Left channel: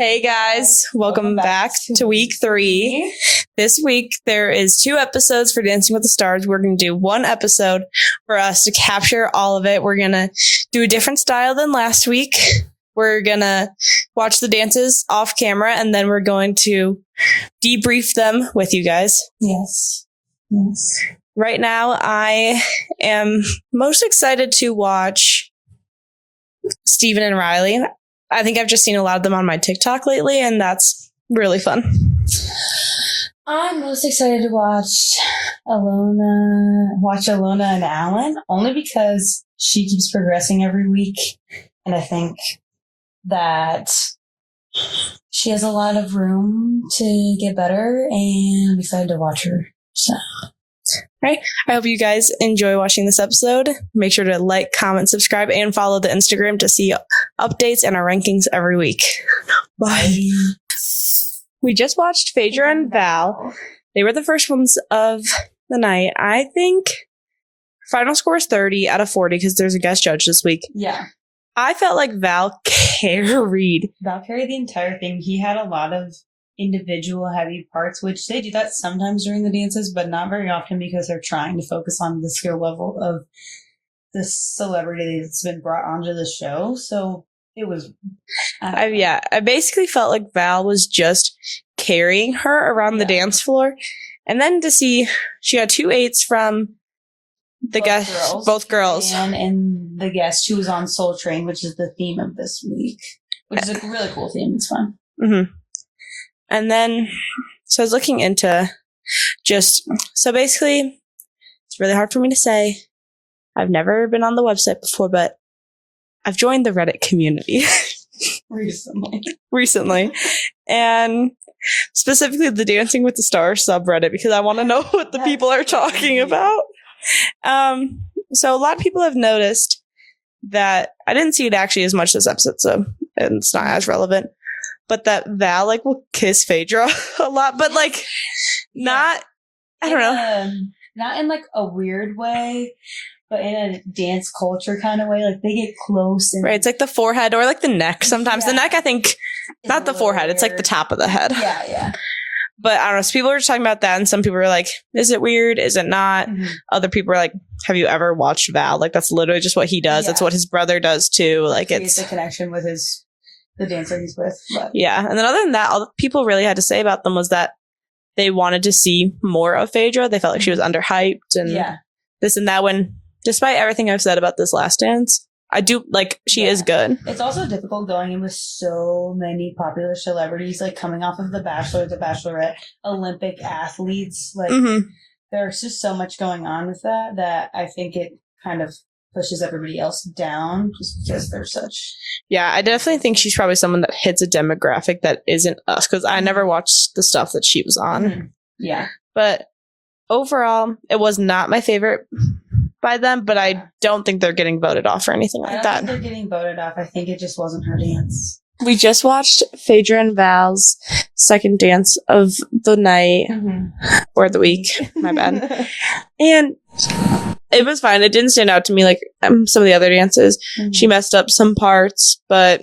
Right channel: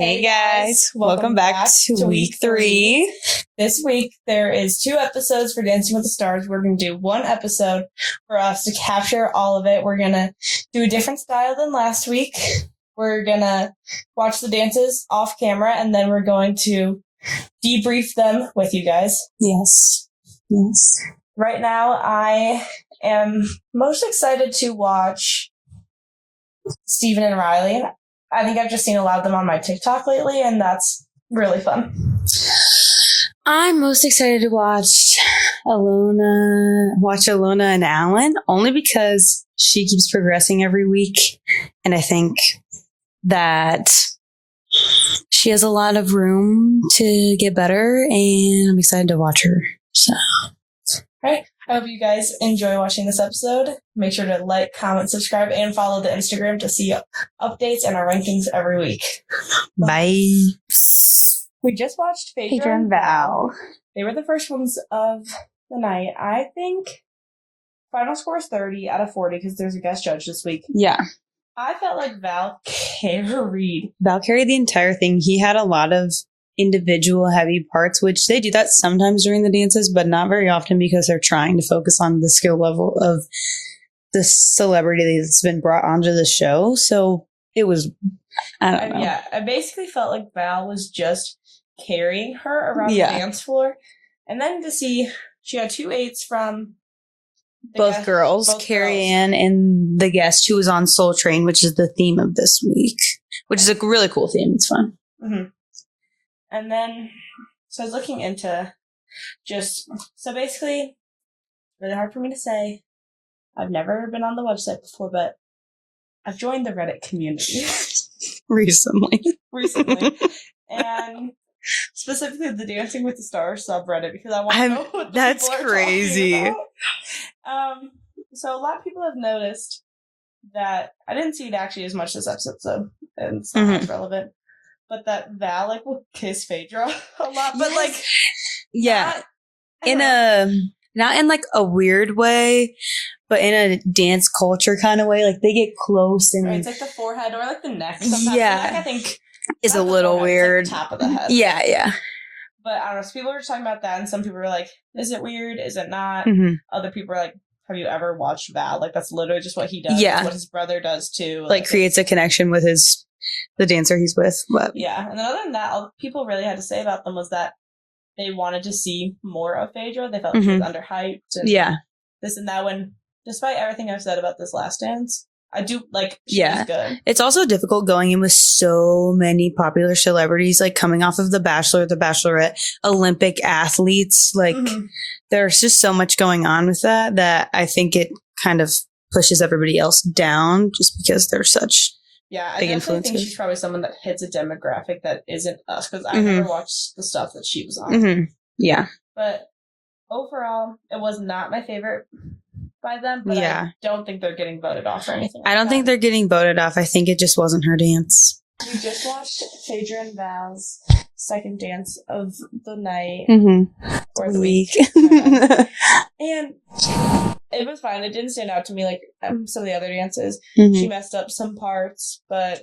Hey guys, welcome back to week 3. This week there is 2 episodes for Dancing with the Stars. We're going to do 1 episode for us to capture all of it. We're going to do a different style than last week. We're going to watch the dances off camera and then we're going to debrief them with you guys. Yes. Right now I am most excited to watch Steven and Riley. I think I've just seen a lot of them on my TikTok lately, and that's really fun. I'm most excited to watch Alona and Alan, only because she keeps progressing every week, and I think that she has a lot of room to get better, and I'm excited to watch her. So. Right. I hope you guys enjoy watching this episode. Make sure to like, comment, subscribe, and follow the Instagram to see updates and our rankings every week. Bye. We just watched Phaedra and Val. They were the first ones of the night. I think final score is 30 out of 40 because there's a guest judge this week. Yeah. I felt like Val carried the entire thing. He had a lot of individual heavy parts, which they do that sometimes during the dances, but not very often because they're trying to focus on the skill level of the celebrity that's been brought onto the show. So it was, I basically felt like Val was just carrying her around the dance floor. And then to see she got 2 8s from the both girls. Ann and the guest who was on Soul Train, which is the theme of this week, which is a really cool theme. It's fun. Mm-hmm. And then, so I was looking into so basically, it's really hard for me to say. I've never been on the website before, but I've joined the Reddit community recently. And specifically the Dancing with the Stars subreddit, because I want to know what the people are talking about. So a lot of people have noticed that I didn't see it actually as much this episode, so it's not as relevant. But that Val will kiss Phaedra a lot, but not in a weird way, but in a dance culture kind of way. Like they get close, and it's like the forehead or like the neck. Sometimes the neck, I think, is not the forehead. Weird. It's like the top of the head. Yeah. But I don't know. So people were just talking about that, and some people were like, "Is it weird? Is it not?" Mm-hmm. Other people were like, "Have you ever watched Val? Like that's literally just what he does. It's what his brother does too. Like creates a connection with the dancer he's with." But yeah. And then other than that, all people really had to say about them was that they wanted to see more of Phaedra. They felt like she was underhyped and this and that, when despite everything I've said about this last dance, I do she is good. It's also difficult going in with so many popular celebrities, coming off of The Bachelor, The Bachelorette, Olympic athletes. There's just so much going on with that I think it kind of pushes everybody else down just because they're such. Yeah, I definitely think she's probably someone that hits a demographic that isn't us, because I never watched the stuff that she was on. Mm-hmm. Yeah. But overall, it was not my favorite by them, but I don't think they're getting voted off or anything like that. I don't think they're getting voted off. I think it just wasn't her dance. We just watched Phaedra and Val's second dance of the night or the week. My bad. And it was fine. It didn't stand out to me like some of the other dances. Mm-hmm. She messed up some parts, but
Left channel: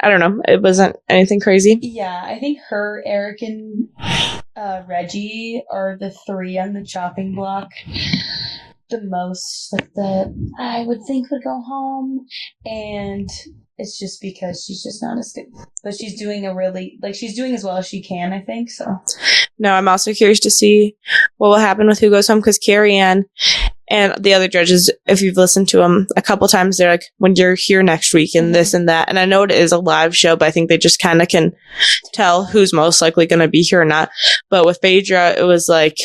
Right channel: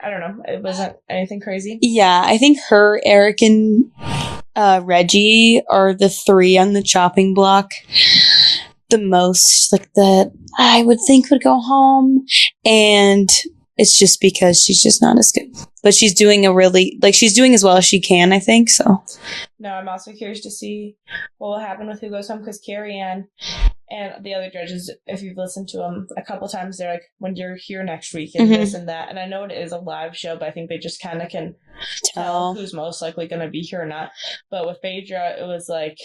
I don't know. It wasn't anything crazy. Yeah, I think her, Eric, and Reggie are the 3 on the chopping block the most, that I would think would go home. And it's just because she's just not as good. But she's doing she's doing as well as she can, I think. So, no, I'm also curious to see what will happen with who goes home, because Carrie Ann and the other judges, if you've listened to them a couple times, they're like, when you're here next week and this and that. And I know it is a live show, but I think they just kind of can tell who's most likely going to be here or not. But with Phaedra, it was like,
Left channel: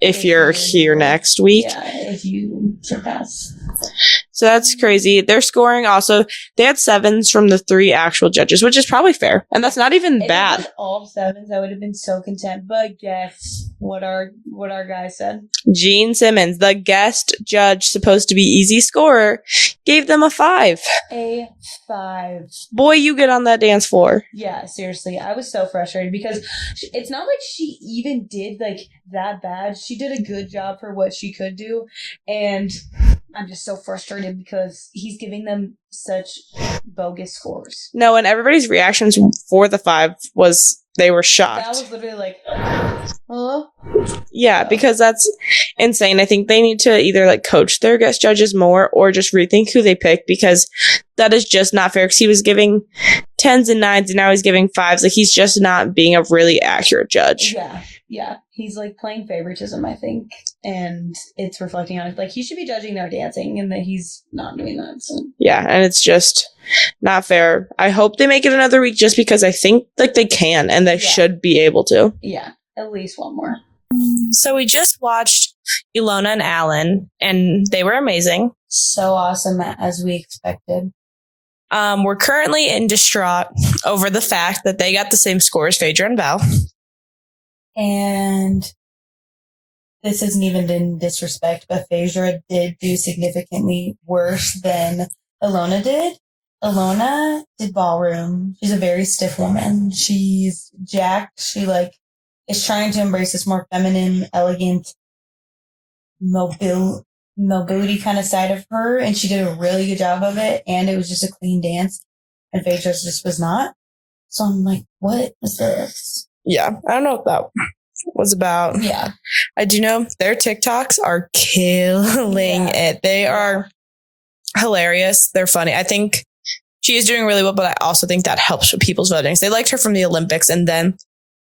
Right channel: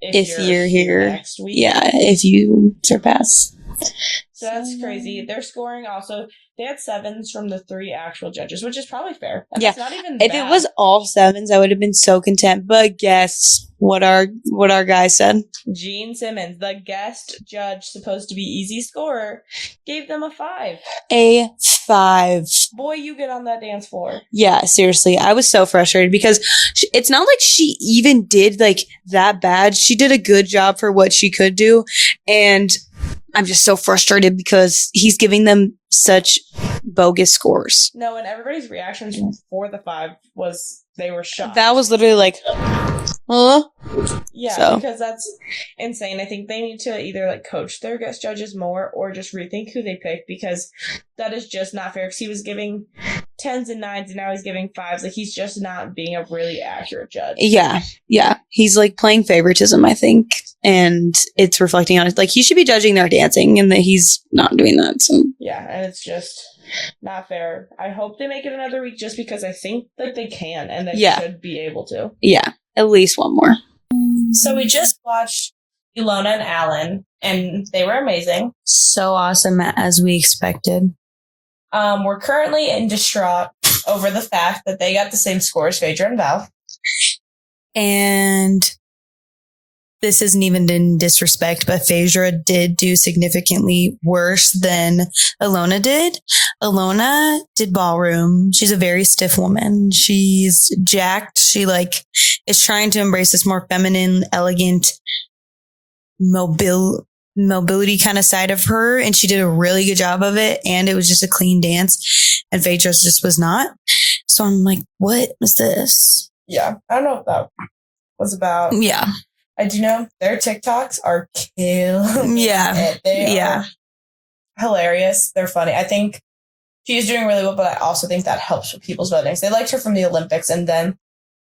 if you're here next week. Yeah, if you surpass. So that's crazy. Their scoring also, they had 7s from the 3 actual judges, which is probably fair. And that's not even bad. If it was all 7s, I would have been so content. But guess what our guy said? Gene Simmons, the guest judge, supposed to be easy scorer, gave them a 5. A 5. Boy, you get on that dance floor. Yeah, seriously. I was so frustrated because it's not like she even did that bad. She did a good job for what she could do. And I'm just so frustrated because he's giving them such bogus scores. No, and everybody's reactions for the 5 was they were shocked. That was literally like, yeah, so. Because that's insane. I think they need to either like coach their guest judges more or just rethink who they pick, because that is just not fair. Because he was giving 10s and 9s and now he's giving 5s. Like, he's just not being a really accurate judge. Yeah. He's like playing favoritism, I think, and it's reflecting on it. Like, he should be judging their dancing, and that he's not doing that. So yeah, and it's just not fair. I hope they make it another week, just because I think like they can and they should be able to. Yeah, at least one more. So we just watched Ilona and Alan, and they were amazing. So awesome, as we expected. We're currently in distraught over the fact that they got the same score as Phaedra and Val. And this isn't even in disrespect, but Phaedra did do significantly worse than Ilona did. Ilona did ballroom. She's a very stiff woman. She's jacked. She like is trying to embrace this more feminine, elegant, mobility kind of side of her. And she did a really good job of it. And it was just a clean dance. And Phaedra's just was not. So I'm like, what was this? Yeah, I don't know what that was about. Yeah. I do know their TikToks are killing it. They are hilarious. They're funny. I think she is doing really well, but I also think that helps with people's votings. They liked her from the Olympics, and then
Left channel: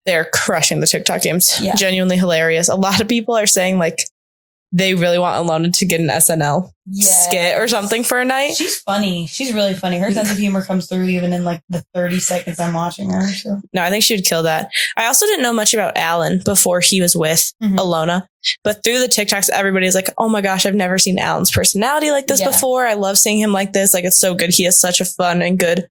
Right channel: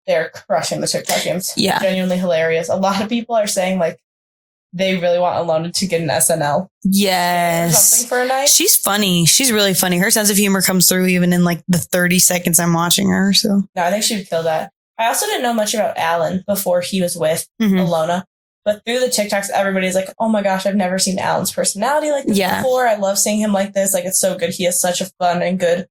they're crushing the TikTok games. Yeah. Genuinely hilarious. A lot of people are saying like they really want Ilona to get an SNL skit or something for a night. She's funny. She's really funny. Her sense of humor comes through even in like the 30 seconds I'm watching her. So no, I think she would kill that. I also didn't know much about Alan before he was with Ilona, but through the TikToks, everybody's like, oh my gosh, I've never seen Alan's personality like this before. I love seeing him like this. Like, it's so good. He is such a fun and good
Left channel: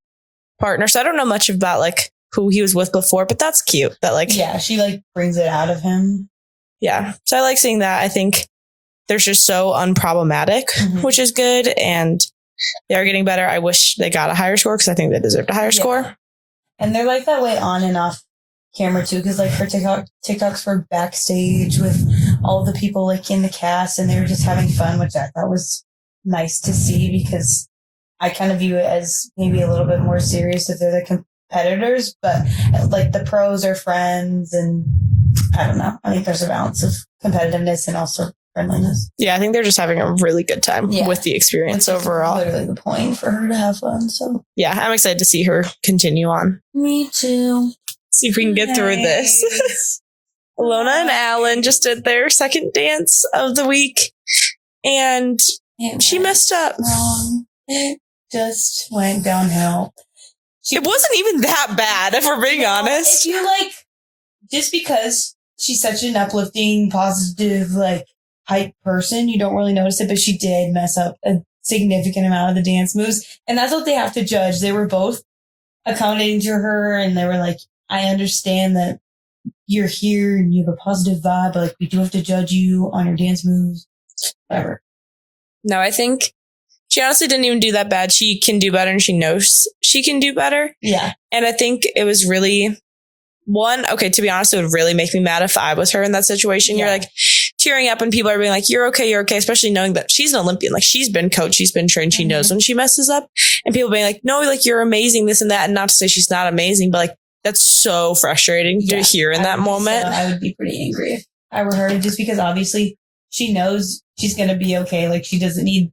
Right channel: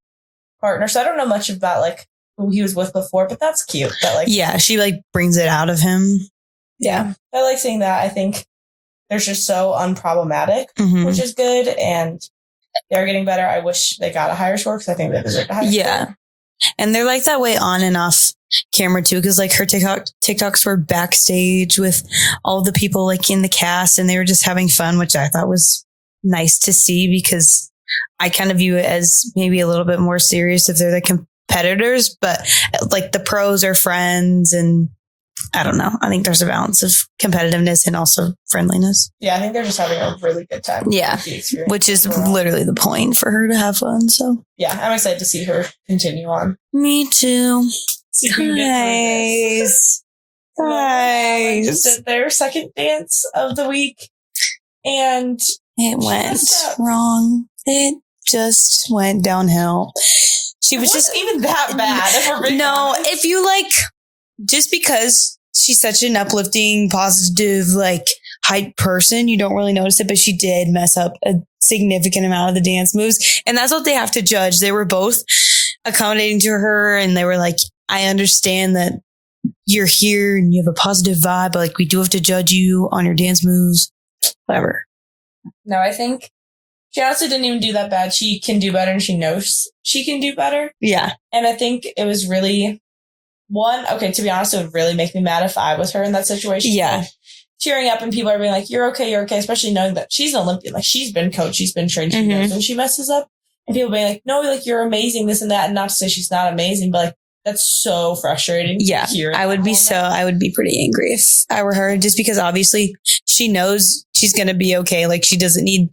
partner. So I don't know much about like who he was with before, but that's cute. That like, she like brings it out of him. Yeah. So I like seeing that. I think they're just so unproblematic, which is good. And they are getting better. I wish they got a higher score, because I think they deserved a higher score. And they're like that way on and off camera too. Because like her TikToks were backstage with all the people like in the cast, and they were just having fun, which I thought was nice to see, because I kind of view it as maybe a little bit more serious if they're the competitors, but like the pros are friends, and I don't know. I think there's a balance of competitiveness and also friendliness. Yeah, I think they're just having a really good time with the experience. Which is literally the point, for her to have fun. So yeah, I'm excited to see her continue on. Me too. See if we can get through this. Ilona and Alan just did their second dance of the week, and she messed up. Wrong. It just went downhill. It wasn't even that bad, if we're being honest. If you like, just because she's such an uplifting, positive, like hype person, you don't really notice it, but she did mess up a significant amount of the dance moves. And that's what they have to judge. They were both accommodating to her, and they were like, I understand that you're here and you have a positive vibe, but like, we do have to judge you on your dance moves, whatever. No, I think she honestly didn't even do that bad. She can do better, and she knows she can do better. Yeah. And I think it was really to be honest, it would really make me mad if I was her in that situation. Yeah. You're like cheering up and people are being like, you're okay, especially knowing that she's an Olympian. Like, she's been coached, she's been trained, she knows when she messes up. And people being like, no, like, you're amazing, this and that. And not to say she's not amazing, but like, that's so frustrating to hear in that moment. I would be pretty angry if I were her, just because obviously she knows she's going to be okay. Like, she doesn't need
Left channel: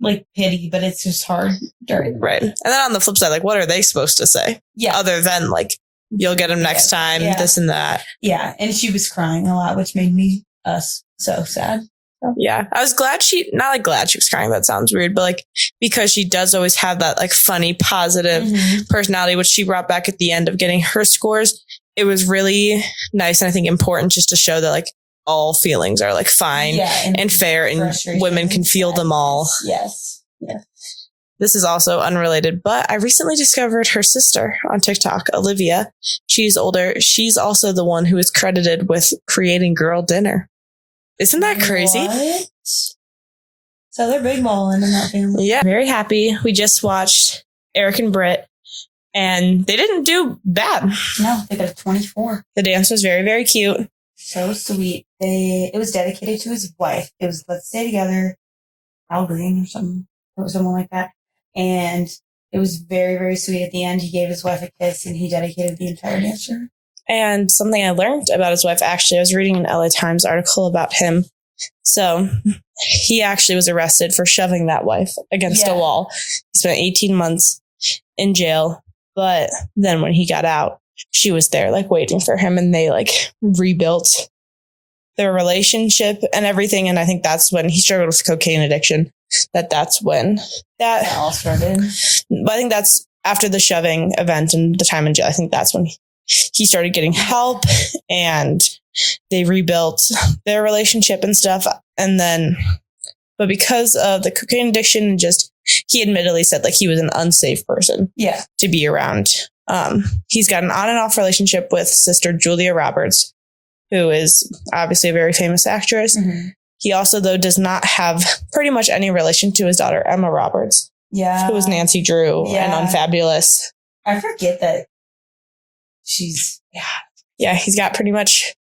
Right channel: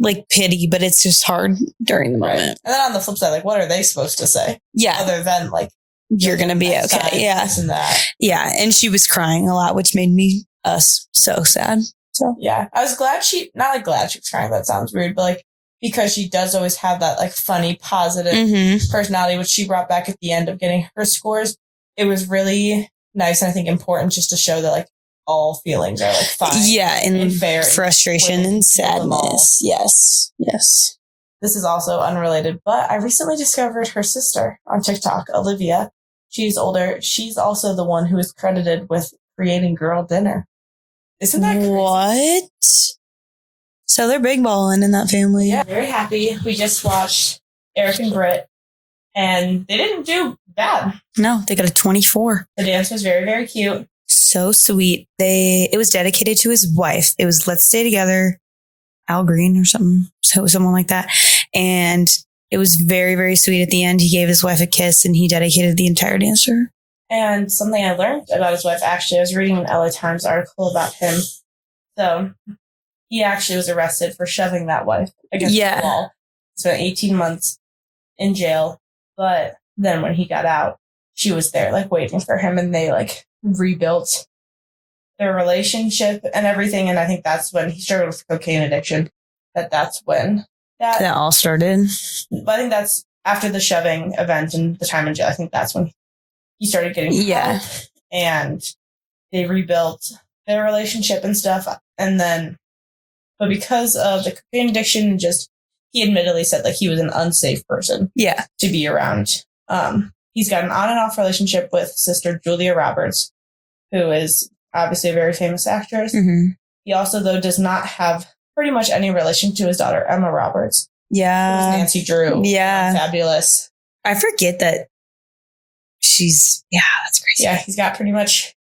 like pity, but it's just hard during the moment. And then on the flip side, like, what are they supposed to say? Yeah. Other than like, you'll get him next time, this and that. Yeah. And she was crying a lot, which made us so sad. So yeah, I was glad glad she was crying. That sounds weird, but like, because she does always have that like funny, positive personality, which she brought back at the end of getting her scores. It was really nice. And I think important just to show that like all feelings are like fine and fair, and women can feel them all. Yes. This is also unrelated, but I recently discovered her sister on TikTok, Olivia. She's older. She's also the one who is credited with creating Girl Dinner. Isn't that crazy? What? So they're big balling in that family. Yeah, very happy. We just watched Eric and Britt, and they didn't do bad. No, they got a 24. The dance was very, very cute. So sweet. It was dedicated to his wife. It was Let's Stay Together, Al Green or something, someone like that. And it was very, very sweet at the end. He gave his wife a kiss and he dedicated the entire dance to her. And something I learned about his wife, actually, I was reading an LA Times article about him. So he actually was arrested for shoving that wife against a wall. He spent 18 months in jail. But then when he got out, she was there, like, waiting for him. And they, like, rebuilt their relationship and everything. And I think that's when he struggled with cocaine addiction. That's when that all started. But I think that's after the shoving event and the time in jail. I think that's when he started getting help and they rebuilt their relationship and stuff. And then, but because of the cocaine addiction, just, he admittedly said, like, he was an unsafe person to be around. He's got an on and off relationship with Sister Julia Roberts, who is obviously a very famous actress. Mm-hmm. He also, though, does not have pretty much any relation to his daughter, Emma Roberts. Yeah. Who was Nancy Drew in Unfabulous. I forget that she's, that's crazy. Yeah, he's got pretty much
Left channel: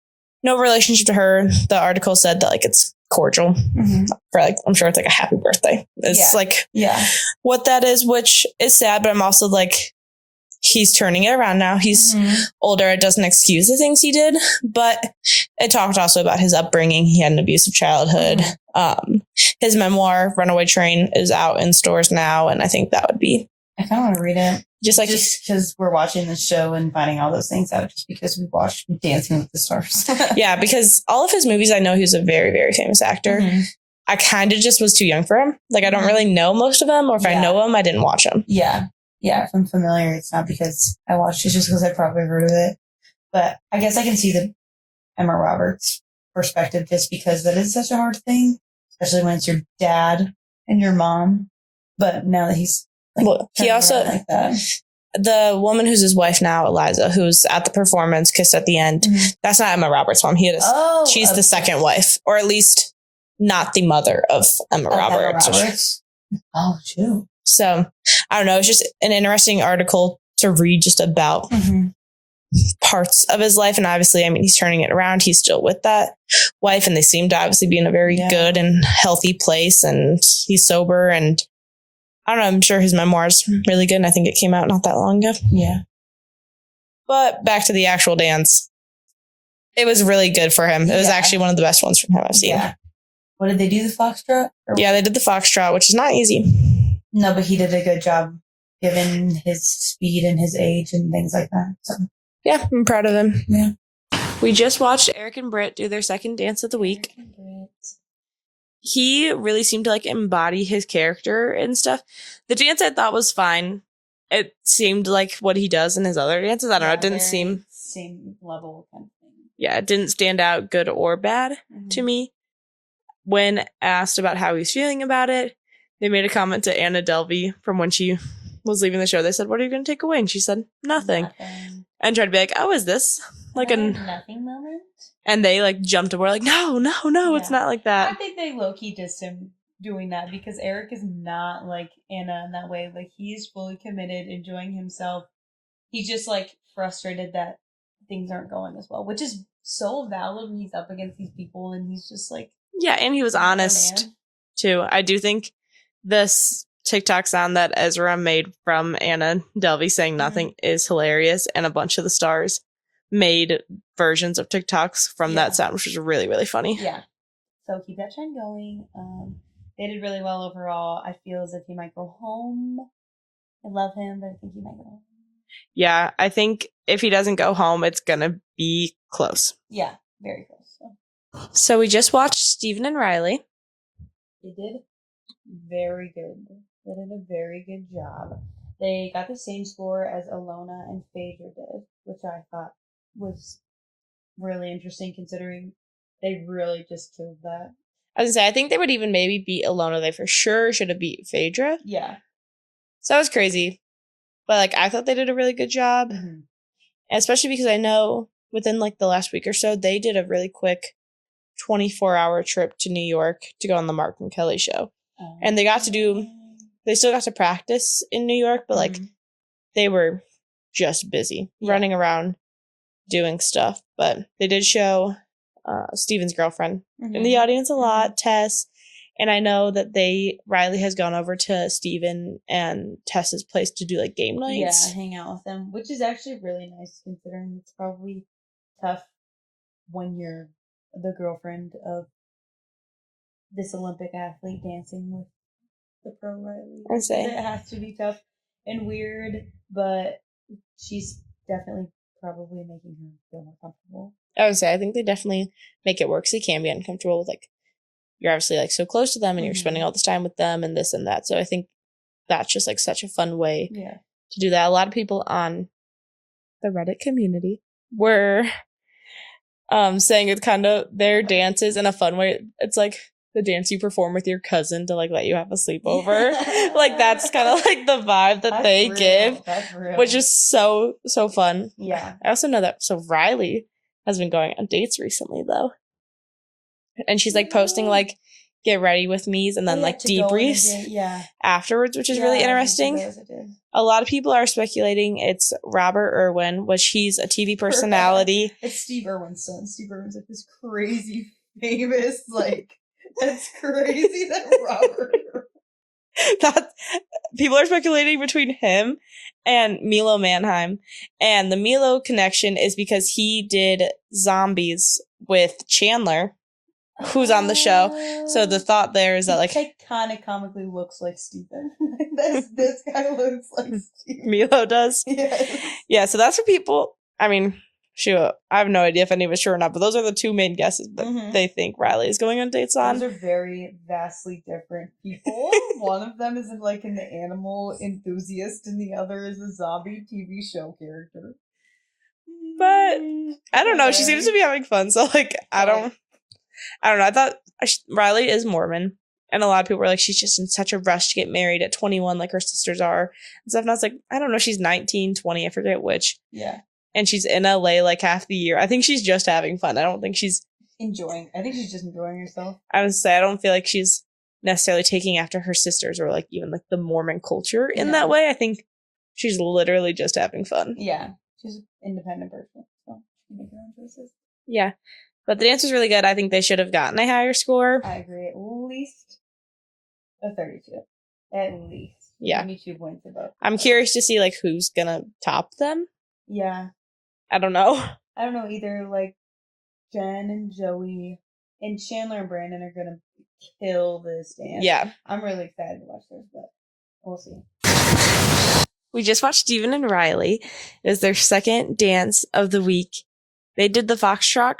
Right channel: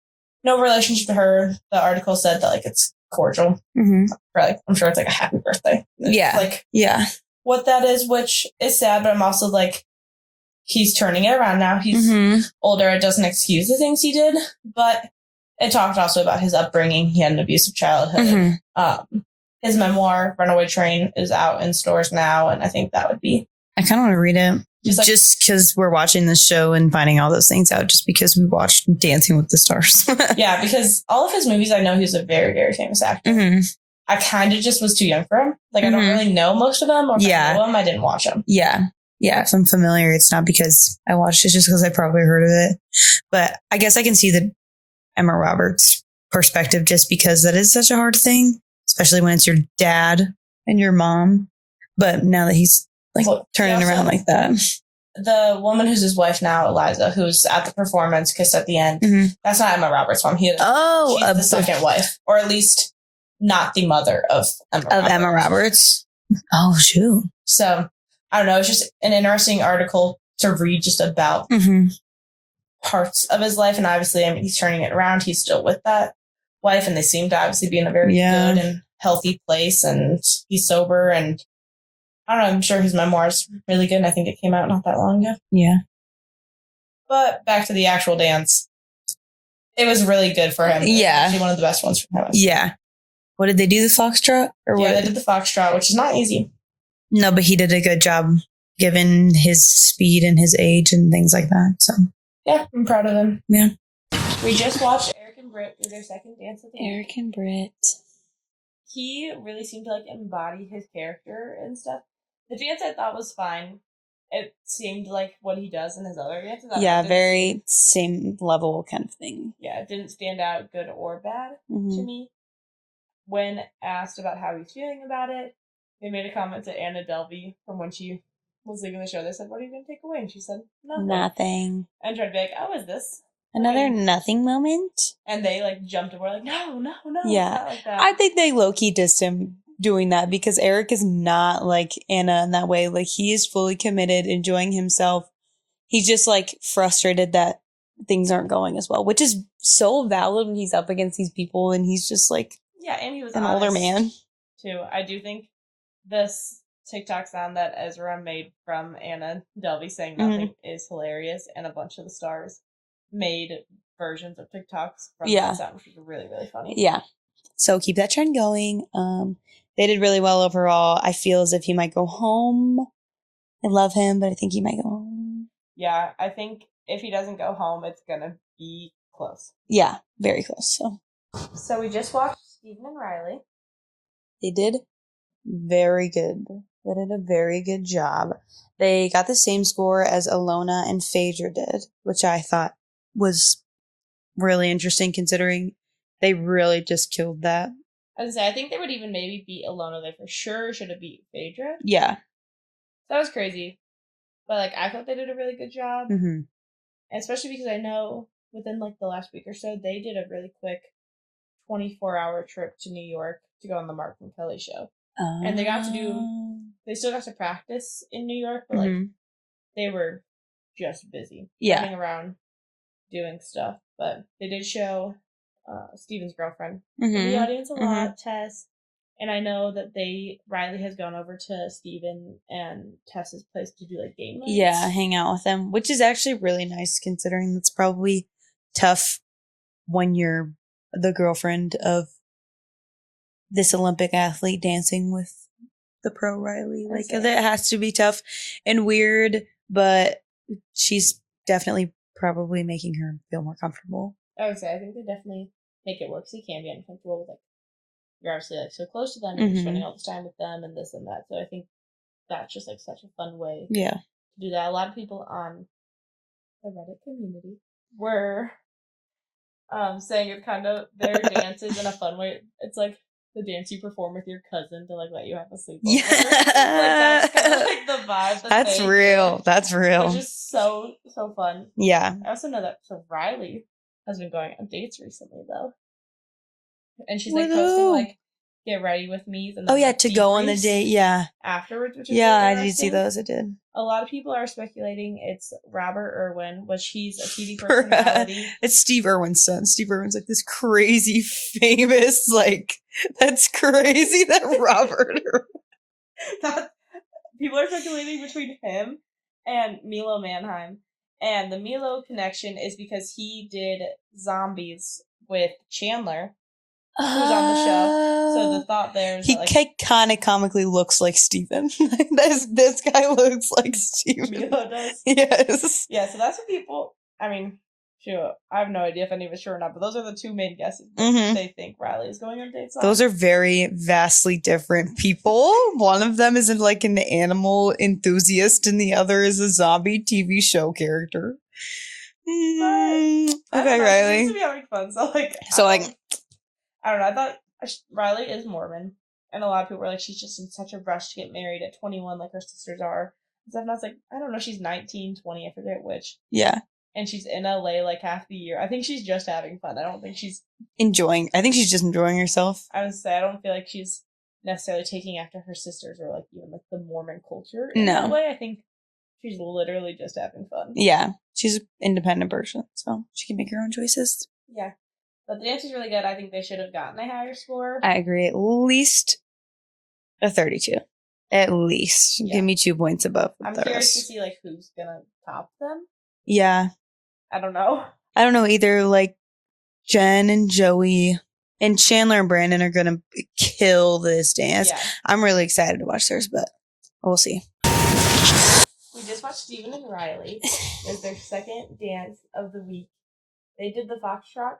no relationship to her. The article said that, like, it's cordial. Mm-hmm. For, like, I'm sure it's like a happy birthday. It's like what that is, which is sad, but I'm also like, he's turning it around now. He's older. It doesn't excuse the things he did, but it talked also about his upbringing. He had an abusive childhood. His memoir, Runaway Train, is out in stores now, and I think that would be... I kind of want to read it. Just because we're watching this show and finding all those things out, just because we watched Dancing with the Stars. Yeah, because all of his movies, I know he was a very, very famous actor. Mm-hmm. I kind of just was too young for him. Like, I don't really know most of them, or if I know them, I didn't watch them. Yeah. Yeah, if I'm familiar, it's not because I watched it, just because I probably heard of it. But I guess I can see the Emma Roberts perspective, just because that is such a hard thing, especially when it's your dad and your mom. But now that he's turning around like that. The woman who's his wife now, Eliza, who's at the performance, kissed at the end, that's not Emma Roberts' mom. She's the second wife, or at least not the mother of Emma Roberts. Oh, shoot. So, I don't know. It's just an interesting article to read just about parts of his life. And obviously, I mean, he's turning it around. He's still with that wife, and they seem to obviously be in a very good and healthy place. And he's sober. And I don't know. I'm sure his memoir is really good. And I think it came out not that long ago. Yeah. But back to the actual dance. It was really good for him. It was actually one of the best ones from him I've seen. Yeah. What did they do? The foxtrot? They did the foxtrot, which is not easy. No, but he did a good job given his speed and his age and things like that. So yeah, I'm proud of him. Yeah. We just watched Eric and Britt do their second dance of the week. Eric and Britt. He really seemed to, like, embody his character and stuff. The dance I thought was fine. It seemed like what he does in his other dances. I don't know. It didn't seem same level kind of thing. Yeah, it didn't stand out good or bad to me. When asked about how he's feeling about it, they made a comment to Anna Delvey from when she was leaving the show. They said, "What are you going to take away?" And she said, "Nothing." And tried to be like, "Oh, is this like another nothing moment?" And they, like, jumped and were like, no, it's not like that. I think they low-key dissed him doing that, because Eric is not like Anna in that way. Like, he is fully committed, enjoying himself. He's just, like, frustrated that things aren't going as well, which is so valid when he's up against these people, and he's just like... Yeah, and he was honest, too. I do think this TikTok sound that Ezra made from Anna Delvey saying nothing is hilarious, and a bunch of the stars made versions of TikToks from that sound, which was really, really funny. Yeah. So keep that trend going. They did really well overall. I feel as if he might go home. I love him, but I think he might go home. Yeah, I think if he doesn't go home, it's going to be close. Yeah, very close. So we just watched Steven and Riley. They did very good. They did a very good job. They got the same score as Alona and Phaedra did, which I thought was really interesting, considering they really just killed that. I was going to say, I think they would even maybe beat Alona. They for sure should have beat Phaedra. Yeah. So that was crazy. But, like, I thought they did a really good job. Mm-hmm. Especially because I know within, like, the last week or so, they did a really quick 24-hour trip to New York to go on the Mark and Kelly show. And they still got to practice in New York, but, like, they were just busy running around doing stuff. But they did show Steven's girlfriend in the audience a lot, Tess, And I know that Riley has gone over to Steven and Tessa's place to do like game nights. Yeah, hang out with them, which is actually really nice considering it's probably tough when you're the girlfriend of this Olympic athlete dancing with the pro Riley. Like, it has to be tough and weird, but she's definitely probably making her feel more comfortable. I would say I think they definitely make it work because it can be uncomfortable with like you're obviously like so close to them and you're spending all this time with them and this and that. So I think that's just like such a fun way to do that. A lot of people on the Reddit community were saying it's kind of their dances in a fun way. It's like the dance you perform with your cousin to like let you have a sleepover. Like that's kind of like the vibe that they give. That's real. Which is so fun. Yeah. I also know that Riley has been going on dates recently though. And she's like posting like get ready with me's and then like to go on a date afterwards, which is really interesting. I see those. I did. A lot of people are speculating it's Robert Irwin, which he's a TV personality. It's Steve Irwin's son. Steve Irwin's like this crazy famous like that's crazy that Robert that people are speculating between him and Milo Manheim. And the Milo connection is because he did Zombies with Chandler, who's on the show. So the thought there is that like he kind of comically looks like Steven. this guy looks like Steven. Milo does. Yes. Yeah, so that's what people, I mean, shoot, I have no idea if any of it's true or not, but those are the two main guesses that they think Riley is going on dates on. Those are very vastly different people. One of them is like an animal enthusiast and the other is a zombie TV show character. But I don't know. She seems to be having fun. So I don't know. I thought Riley is Mormon. And a lot of people were like, she's just in such a rush to get married at 21 like her sisters are. And stuff. And I was like, I don't know. She's 19, 20. I forget which. Yeah. And she's in LA like half the year. I think she's just having fun. I don't think she's enjoying. I think she's just enjoying herself. I would say I don't feel like she's necessarily taking after her sisters or like even like the Mormon culture in that way. I think she's literally just having fun. Yeah. She's an independent person. So she can make her own choices. Yeah. But the dance was really good. I think they should have gotten a higher score. I agree. At least a 32. At least. Yeah. Give me 2 points above. I'm curious to see like who's gonna top them. Yeah. I don't know. I don't know either. Like Jen and Joey and Chandler and Brandon are gonna kill this dance. Yeah. I'm really excited to watch theirs, but we'll see. We just watched Steven and Riley. It was their second dance of the week. They did the foxtrot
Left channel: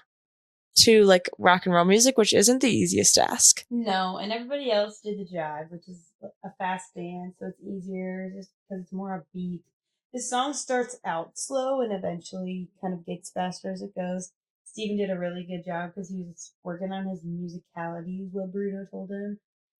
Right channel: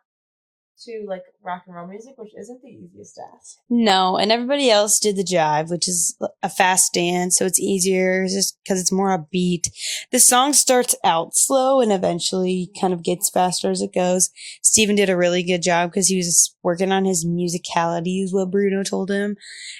to like rock and roll music, which isn't the easiest task. No, and everybody else did the jive, which is a fast dance, so it's easier just because it's more upbeat. The song starts out slow and eventually kind of gets faster as it goes. Steven did a really good job because he was working on his musicality, is what Bruno told him,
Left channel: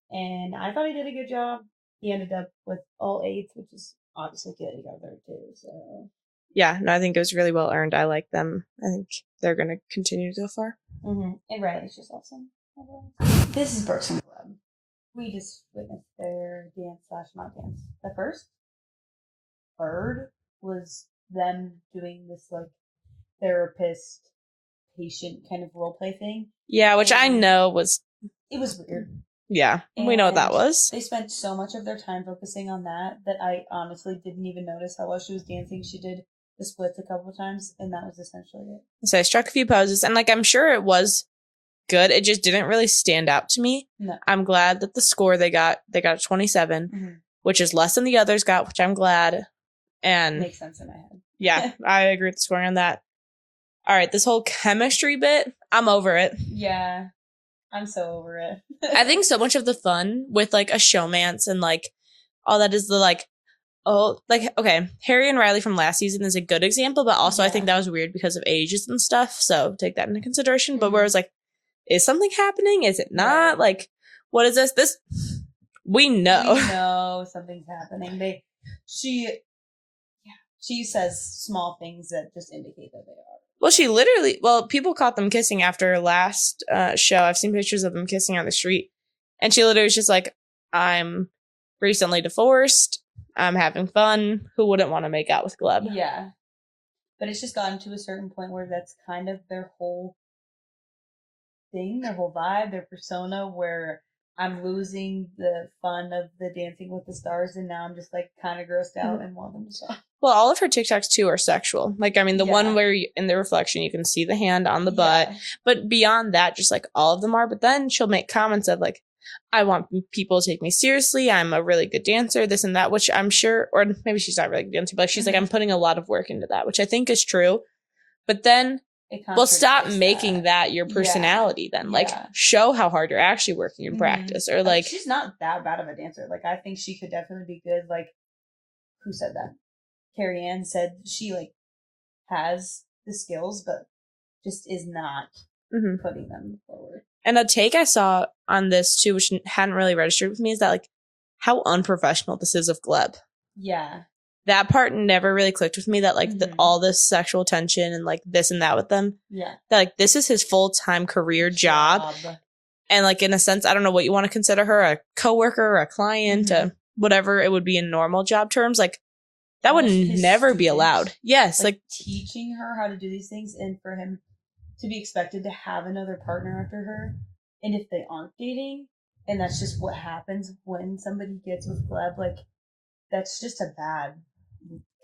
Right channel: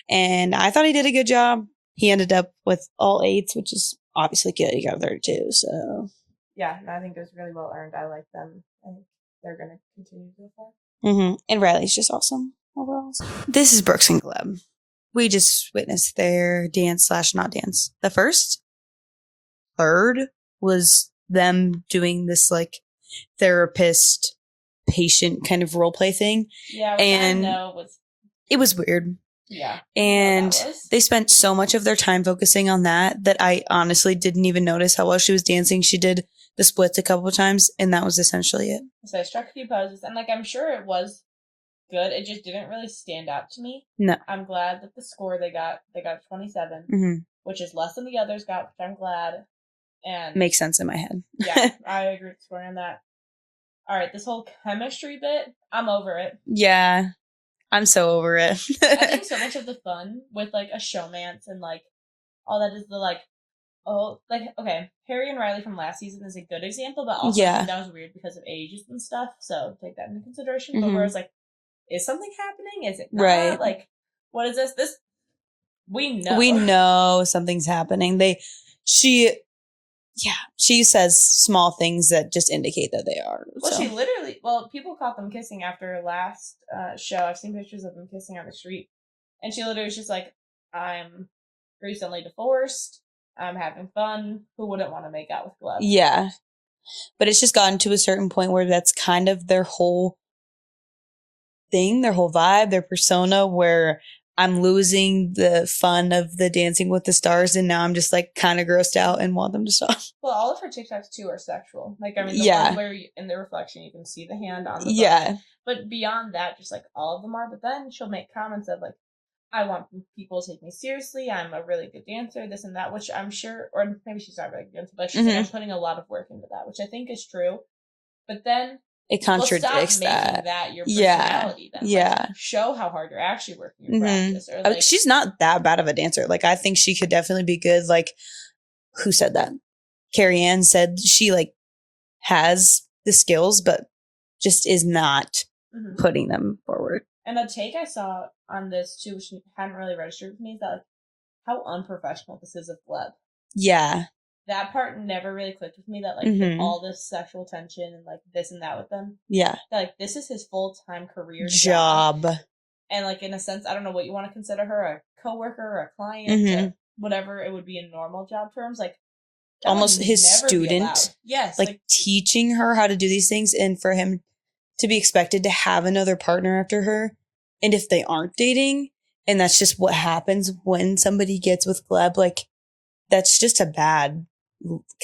and I thought he did a good job. He ended up with all 8s, which is obviously good. He got 32, so yeah, no, I think it was really well earned. I like them. I think they're going to continue to go far. And Riley's just awesome overall. This is Brooks and Gleb. We just witnessed their dance/not dance. The first third was them doing this like therapist patient kind of role play thing. Yeah, which I know it was weird. Yeah, we know what that was. They spent so much of their time focusing on that I honestly didn't even notice how well she was dancing. She did the splits a couple of times, and that was essentially it. So I struck a few poses, and like I'm sure it was good. It just didn't really stand out to me. No, I'm glad that the score they got 27, which is less than the others got, which I'm glad. And makes sense in my head. Yeah, I agree with the scoring on that. All right, this whole chemistry bit, I'm over it. Yeah, I'm so over it. I think so much of the fun with like a showmance and like all that is the like, oh, like, okay, Harry and Riley from last season is a good example, but also I think that was weird because of ages and stuff. So take that into consideration. But whereas like, is something happening? Is it not? Right. Like, what is this? We know something's happening. She says small things that just indicate that they are. Well, so. People caught them kissing after last show. I've seen pictures of them kissing on the street. And she literally was just like, I'm recently divorced. I'm having fun. Who wouldn't want to make out with Gleb? Yeah. But it's just gotten to a certain point where that's kind of their whole thing, their whole vibe, their persona, where I'm losing the fun of the Dancing with the Stars, and now I'm just like kind of grossed out and want them to stop. Well, all of her TikToks too are sexual. Like, I mean, the one where in the reflection you can see the hand on the butt, but beyond that, just like all of them are. But then she'll make comments of like, I want people to take me seriously. I'm a really good dancer, this and that, which I'm sure, or maybe she's not really a good dancer, but she's like, I'm putting a lot of work into that, which I think is true. But then it contradicts. Well, stop making that your personality then. Like, show how hard you're actually working your practice. Or like, she's not that bad of a dancer. Like, I think she could definitely be good. Like, who said that? Carrie Ann said she like has the skills, but just is not putting them forward. And a take I saw on this too, which hadn't really registered with me, is that like how unprofessional this is of Gleb. Yeah. That part never really clicked with me, that like all this sexual tension and like this and that with them. Yeah. That like this is his full-time career job. And like in a sense, I don't know what you want to consider her, a coworker or a client, whatever it would be in normal job terms. Like that would never be allowed. Yes. Like teaching her how to do these things, and for him to be expected to have another partner after her. And if they aren't dating, and that's just what happens when somebody gets with Gleb, like that's just a bad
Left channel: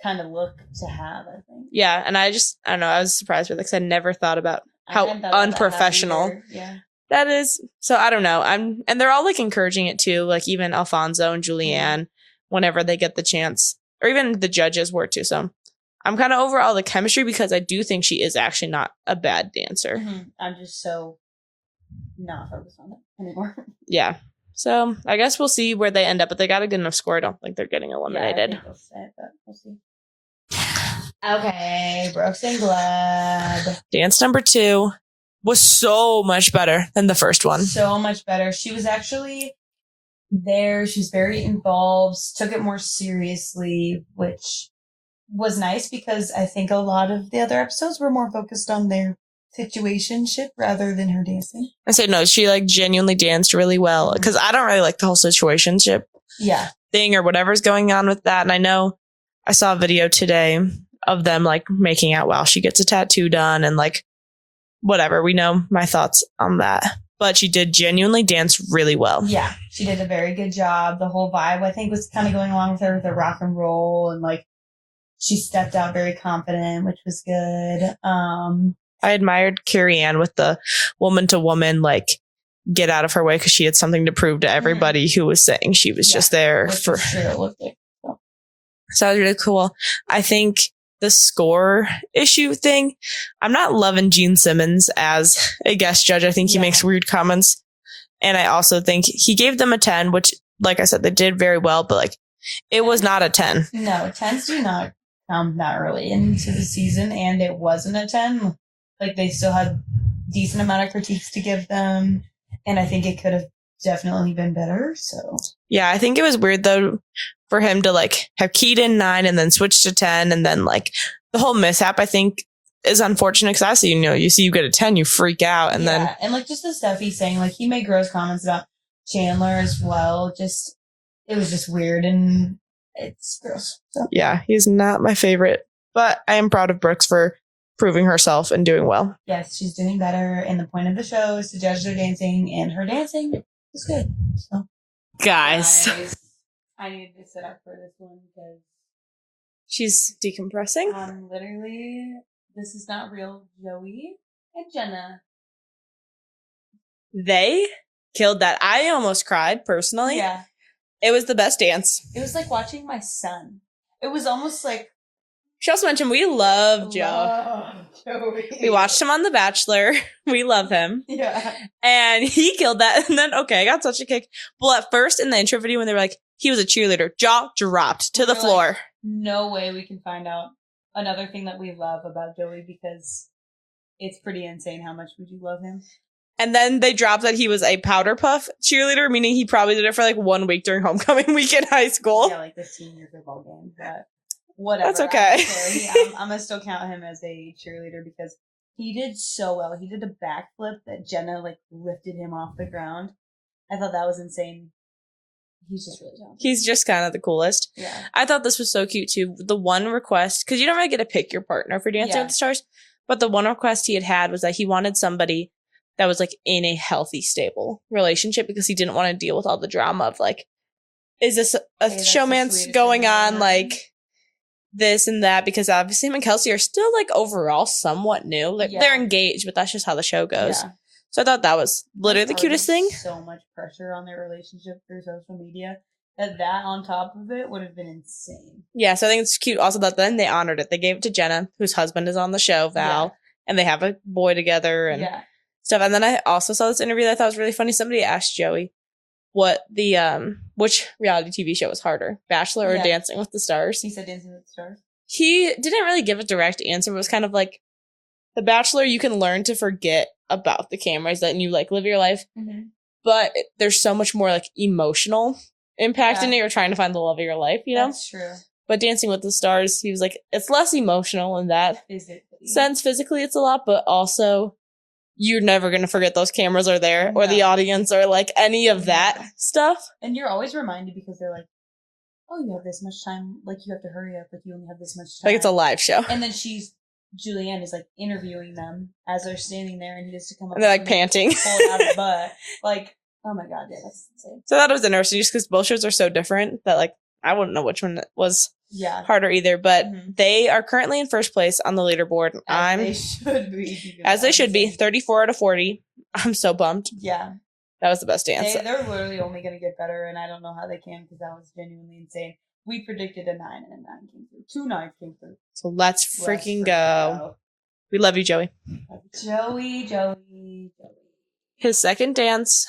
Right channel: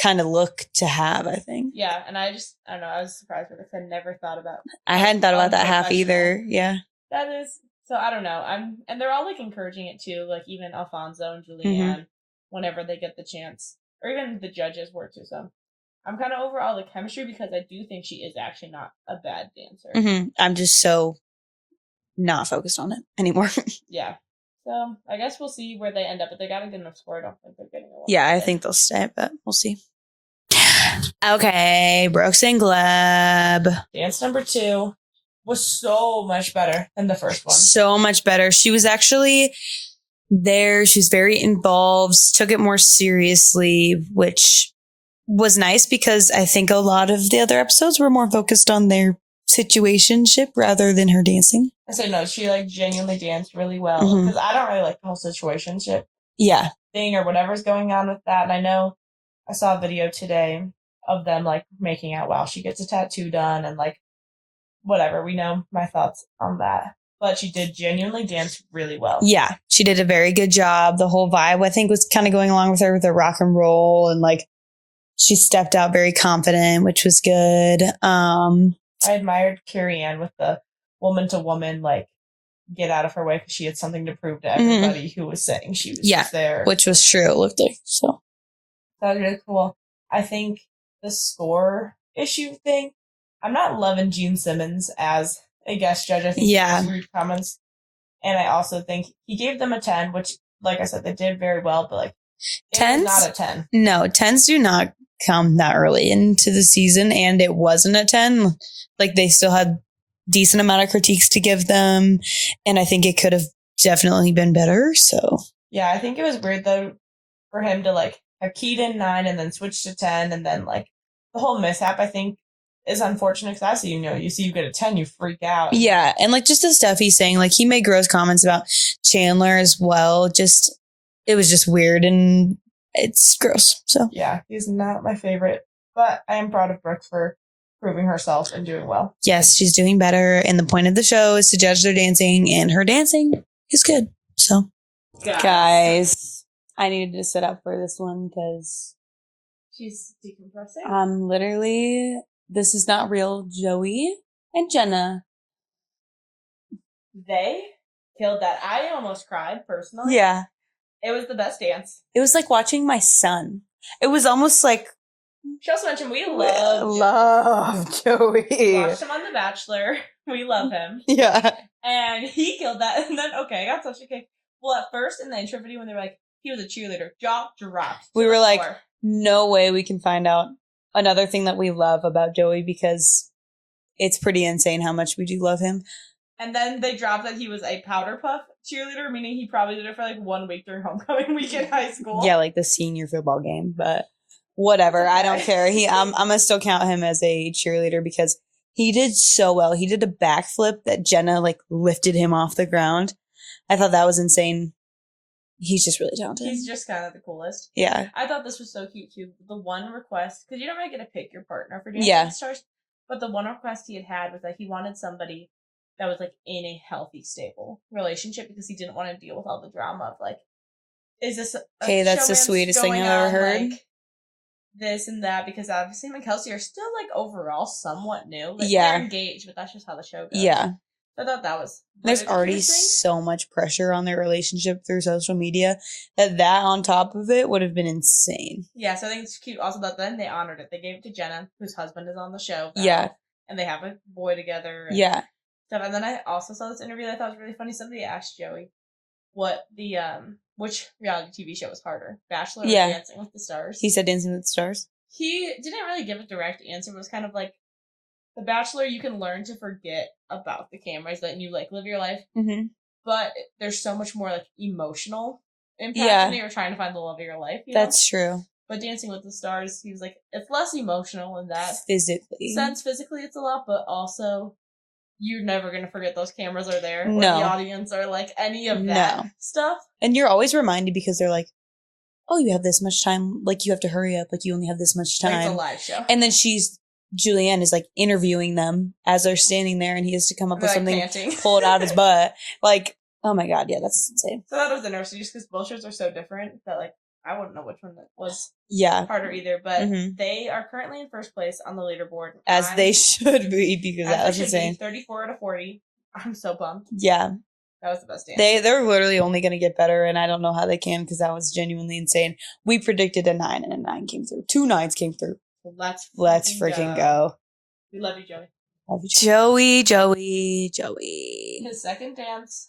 kind of look to have, I think. Yeah, and I don't know, I was surprised with it because I never thought about I hadn't thought about that either. Yeah. That is, so I don't know. And they're all like encouraging it too, like even Alfonso and Julianne, whenever they get the chance, or even the judges were too. So I'm kind of over all the chemistry because I do think she is actually not a bad dancer. I'm just so not focused on it anymore. Yeah. So I guess we'll see where they end up, but they got a good enough score. I don't think they're getting a one. Yeah, I think they'll stay, but we'll see. Okay, Brooks and Gleb. Dance number 2 was so much better than the first one. So much better. She was actually there. She was very involved, took it more seriously, which was nice because I think a lot of the other episodes were more focused on their situationship rather than her dancing. I say no, she like genuinely danced really well because I don't really like the whole situationship thing or whatever's going on with that. And I know I saw a video today of them like making out while she gets a tattoo done and like whatever. We know my thoughts on that, but she did genuinely dance really well. Yeah, she did a very good job. The whole vibe, I think, was kind of going along with her with the rock and roll, and like she stepped out very confident, which was good. I admired Carrie Ann with the woman to woman, like get out of her way because she had something to prove to everybody who was saying she was just there. Which was true, it looked like. So that was really cool. I think the score issue thing, I'm not loving Gene Simmons as a guest judge. I think he makes weird comments. And I also think he gave them a 10, which, like I said, they did very well, but like it was not a 10. No, 10s do not come that early into the season, and it wasn't a 10. Like they still had decent amount of critiques to give them, and I think it could have definitely been better. So yeah, I think it was weird though for him to like have keyed in 9 and then switch to 10, and then like the whole mishap I think is unfortunate because I see, you see you get a 10, you freak out. And and like just the stuff he's saying, like he made gross comments about Chandler as well. Just it was just weird and it's gross. So yeah, he's not my favorite, but I am proud of Brooks for proving herself and doing well. Yes, she's doing better. And the point of the show is to judge their dancing, and her dancing is good. So guys, I needed to sit up for this one because she's decompressing. Literally, this is not real. Joey and Jenna, they killed that. I almost cried personally. Yeah. It was the best dance. It was like watching my son. It was almost like, she also mentioned we love Joey. We watched him on The Bachelor. We love him. Yeah. And he killed that. And then, I got such a kick. Well, at first in the intro video when they were like, he was a cheerleader, jaw dropped to the floor. Like, no way we can find out another thing that we love about Joey, because it's pretty insane how much we do love him. And then they dropped that he was a powder puff cheerleader, meaning he probably did it for like 1 week during homecoming week in high school. Yeah, like the senior football game, but whatever. Okay. I don't care. I'm gonna still count him as a cheerleader because he did so well. He did a backflip that Jenna like lifted him off the ground. I thought that was insane. He's just really talented. He's just kind of the coolest. Yeah. I thought this was so cute too. The one request, because you don't really get to pick your partner for Dancing with the Stars, but the one request he had was that he wanted somebody that was like in a healthy, stable relationship because he didn't want to deal with all the drama of like, is this a showman's going on, like this and that? Because obviously him and Kelsey are still like overall somewhat new. Like, they're engaged, but that's just how the show goes. Yeah. So I thought that was literally the cutest thing. So much pressure on their relationship through social media that on top of it would have been insane. Yeah, so I think it's cute also that then they honored it. They gave it to Jenna, whose husband is on the show, Val, and they have a boy together and stuff. And then I also saw this interview that I thought was really funny. Somebody asked Joey what the which reality TV show was harder, Bachelor or Dancing with the Stars. He said Dancing with the Stars. He didn't really give a direct answer, but it was kind of like, The Bachelor, you can learn to forget about the cameras and you like live your life. Mm-hmm. But there's so much more like emotional impact in it. You're trying to find the love of your life, you know? That's true. But Dancing with the Stars, he was like, it's less emotional in that sense. Physically, it's a lot, but also you're never going to forget those cameras are there or the audience or like any of that stuff. And you're always reminded because they're like, oh, you have this much time. Like, you have to hurry up. Like, you only have this much time. Like, it's a live show. And then Julianne is like interviewing them as they're standing there and he has to come up with something, panting, pull it out his butt. Like, oh my God, yeah, that's insane. So that was interesting just because both shows are so different that like I wouldn't know which one was harder either. But they are currently in first place on the leaderboard. As they should be. As they should be. 34 out of 40. I'm so bummed. Yeah. That was the best dance. They're literally only going to get better, and I don't know how they can because that was genuinely insane. We predicted a 9, and a 9 came through. 2 9s came through. So let's freaking go. We love you, Joey. Love you, Joey. His second dance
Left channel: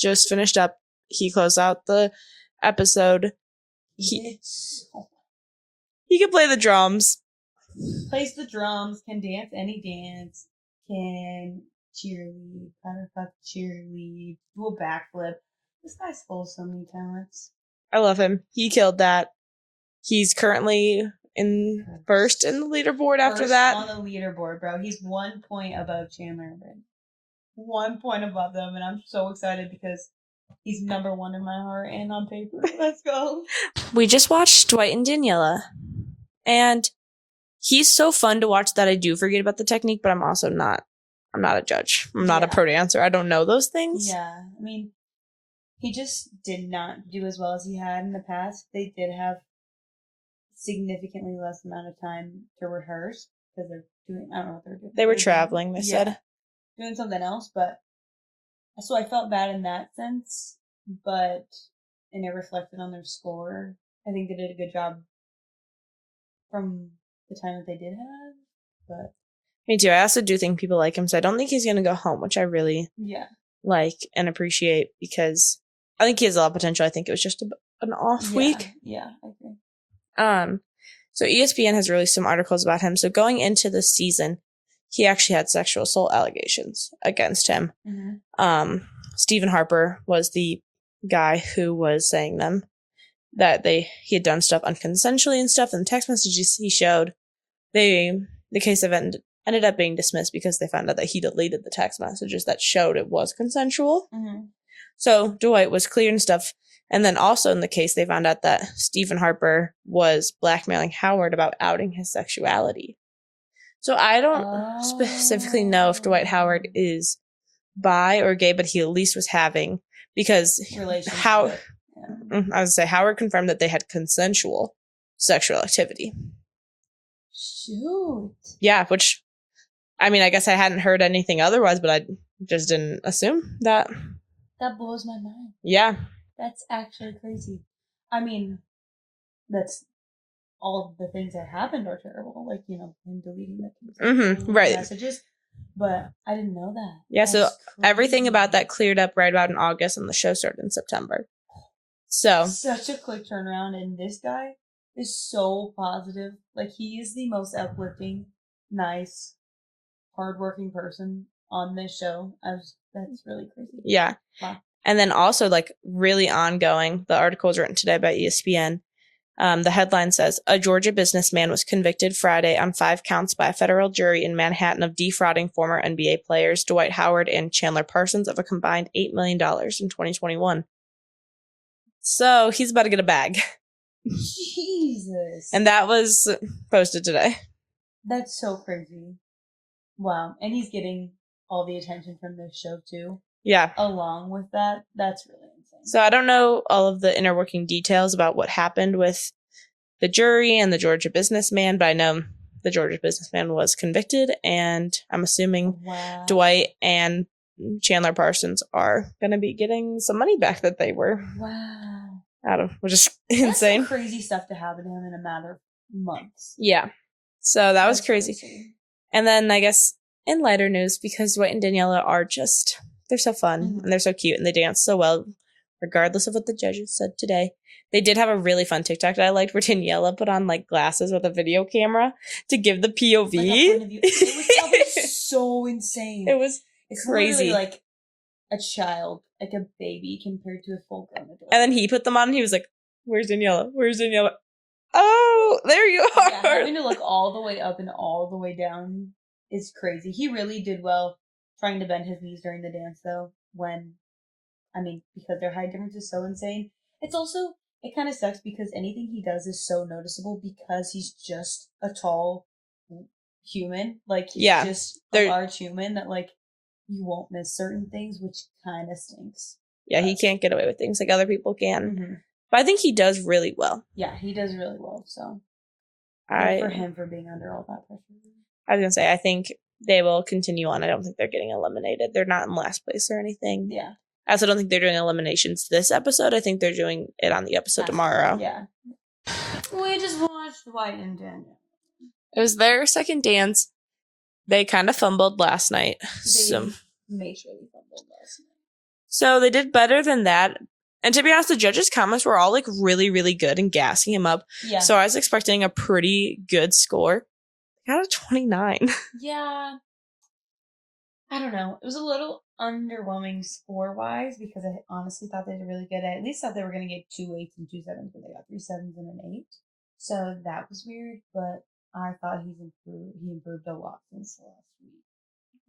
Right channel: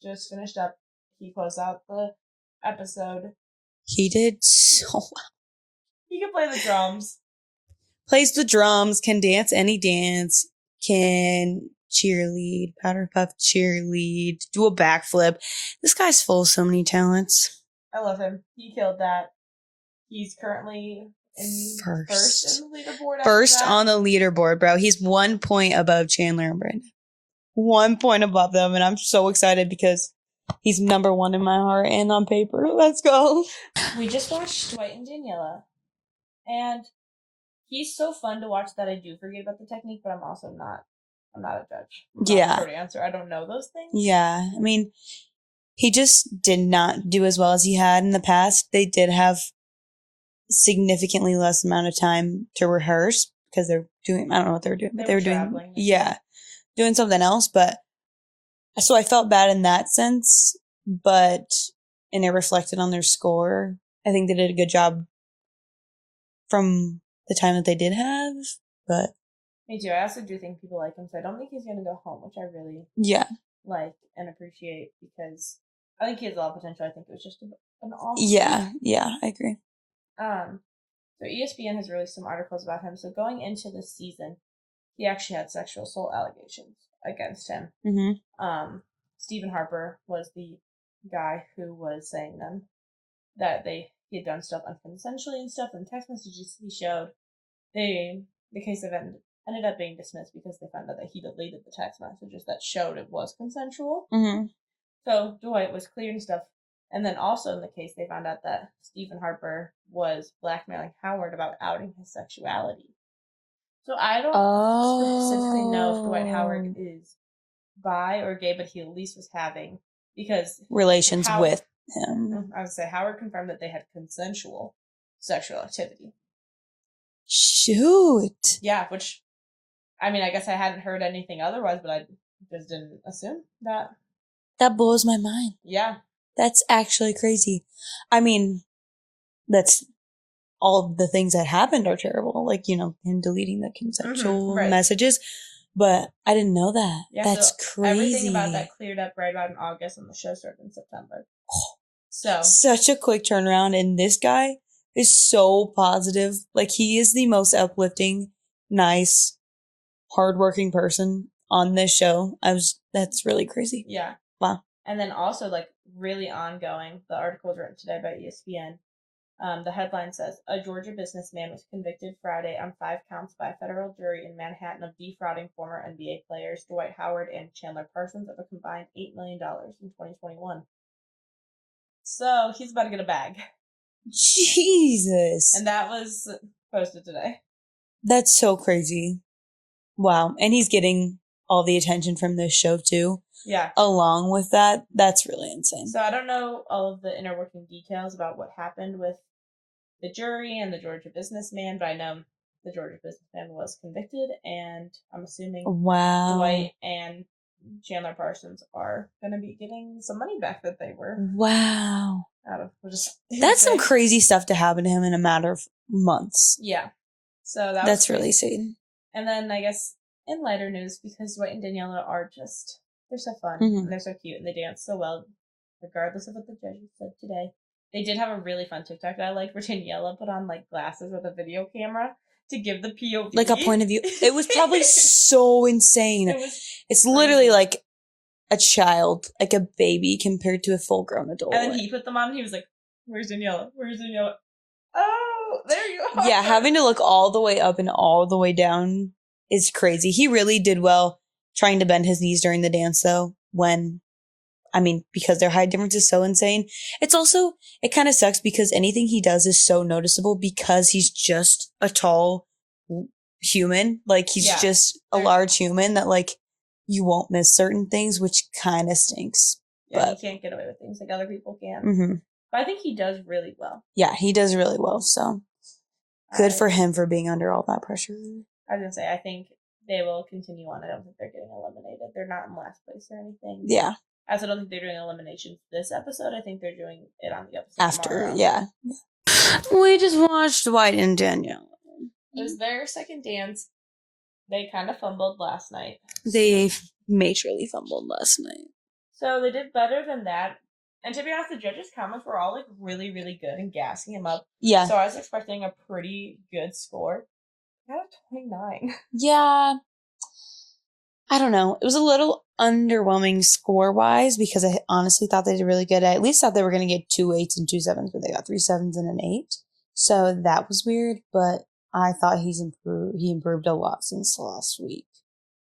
just finished up. He closed out the episode. He did so well. He can play the drums. Plays the drums, can dance any dance, can cheerlead, powder puff cheerlead, do a backflip. This guy's full of so many talents. I love him. He killed that. He's currently in first in the leaderboard after first that. On the leaderboard, bro. He's 1 point above Chandler and Brandon. 1 point above them, and I'm so excited because he's number 1 in my heart and on paper. Let's go. We just watched Dwight and Daniela, and he's so fun to watch that I do forget about the technique, but I'm also not. I'm not a judge. I'm not a pro dancer. I don't know those things. Yeah. I mean, he just did not do as well as he had in the past. They did have significantly less amount of time to rehearse because they're doing, I don't know what they were doing. They were traveling. Doing something else. But so I felt bad in that sense, and it reflected on their score. I think they did a good job from the time that they did have, but. Me too. I also do think people like him, so I don't think he's going to go home, which I really like and appreciate because I think he has a lot of potential. I think it was just an off week. Yeah, I agree. So ESPN has released some articles about him. So going into the season, he actually had sexual assault allegations against him. Mm-hmm. Stephen Harper was the guy who was saying them that he had done stuff unconsensually and stuff, and the text messages he showed, the case ended up being dismissed because they found out that he deleted the text messages that showed it was consensual. Mm-hmm. So Dwight was cleared and stuff. And then also in the case, they found out that Stephen Harper was blackmailing Howard about outing his sexuality. So I don't specifically know if Dwight Howard is bi or gay, but he at least was having, because relations with him. I would say Howard confirmed that they had consensual sexual activity. Shoot. Yeah, which, I mean, I guess I hadn't heard anything otherwise, but I just didn't assume that. That blows my mind. Yeah. That's actually crazy. I mean, that's all the things that happened are terrible. Like, him deleting the consensual messages. But I didn't know that. Yeah, that's so crazy. Everything about that cleared up right about in August, and the show started in September. So such a quick turnaround, and this guy is so positive. Like, he is the most uplifting, nice, hardworking person on this show. That's really crazy. Yeah. Wow. And then also, like, really ongoing, the article was written today by ESPN. The headline says, a Georgia businessman was convicted Friday on 5 counts by a federal jury in Manhattan of defrauding former NBA players Dwight Howard and Chandler Parsons of a combined $8 million in 2021. So he's about to get a bag. Jesus. And that was posted today. That's so crazy. Wow. And he's getting all the attention from this show too. Yeah. Along with that, that's really insane. So I don't know all of the inner working details about what happened with the jury and the Georgia businessman, but I know the Georgia businessman was convicted, and I'm assuming Dwight and Chandler Parsons are going to be getting some money back that they were out of, which is that's insane. some crazy stuff to happen to him in a matter of months. Yeah. So that was crazy. Really insane. And then I guess in lighter news, because Dwight and Daniela are just, they're so fun and they're so cute and they dance so well, regardless of what the judges said today. They did have a really fun TikTok that I liked where Daniela put on like glasses with a video camera to give the POV. Like a point of view. It was probably so insane. It's crazy. Literally like a child, like a baby compared to a full grown adult. And then he put them on and he was like, where's Daniela? Where's Daniela? Oh, there you are. Yeah, having to look all the way up and all the way down is crazy. He really did well trying to bend his knees during the dance though, because their height difference is so insane. It's also, it kind of sucks because anything he does is so noticeable because he's just a tall human. Like, he's just a large human that, like, you won't miss certain things, which kind of stinks. Yeah, he can't get away with things like other people can. Mm-hmm. But I think he does really well. Yeah, he does really well, so good for him for being under all that pressure. I was going to say, I think they will continue on. I don't think they're getting eliminated. They're not in last place or anything. Yeah. I also don't think they're doing eliminations this episode. I think they're doing it on the episode tomorrow. Yeah. We just watched Dwight and Danielle. It was their second dance. They kind of fumbled last night. They majorly fumbled last night. So they did better than that. And to be honest, the judges' comments were all like really, really good and gassing him up. Yeah. So I was expecting a pretty good score. Got a 29. Yeah. I don't know. It was a little underwhelming score-wise because I honestly thought they did really good. I at least thought they were going to get 2 8s and 2 7s, but they got 3 7s and an 8. So that was weird, but I thought he improved a lot since last week.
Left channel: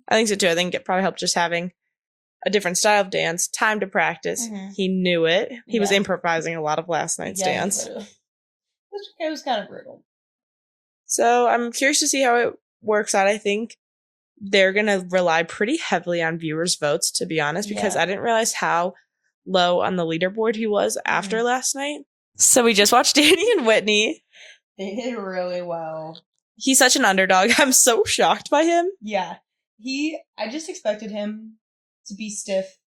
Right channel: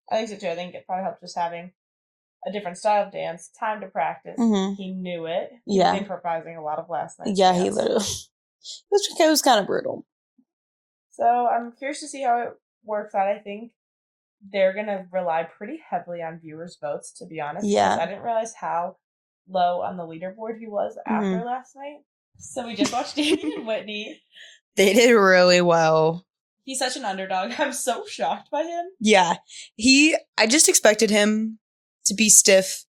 I think so too. I think it probably helped just having a different style of dance, time to practice. Mm-hmm. He knew it. He was improvising a lot of last night's dance. Yeah, it was kind of brutal. So I'm curious to see how it works out. I think they're going to rely pretty heavily on viewers' votes, to be honest, because I didn't realize how low on the leaderboard he was after last night. So we just watched Danny and Whitney. They did really well. He's such an underdog. I'm so shocked by him. Yeah. I just expected him to be stiff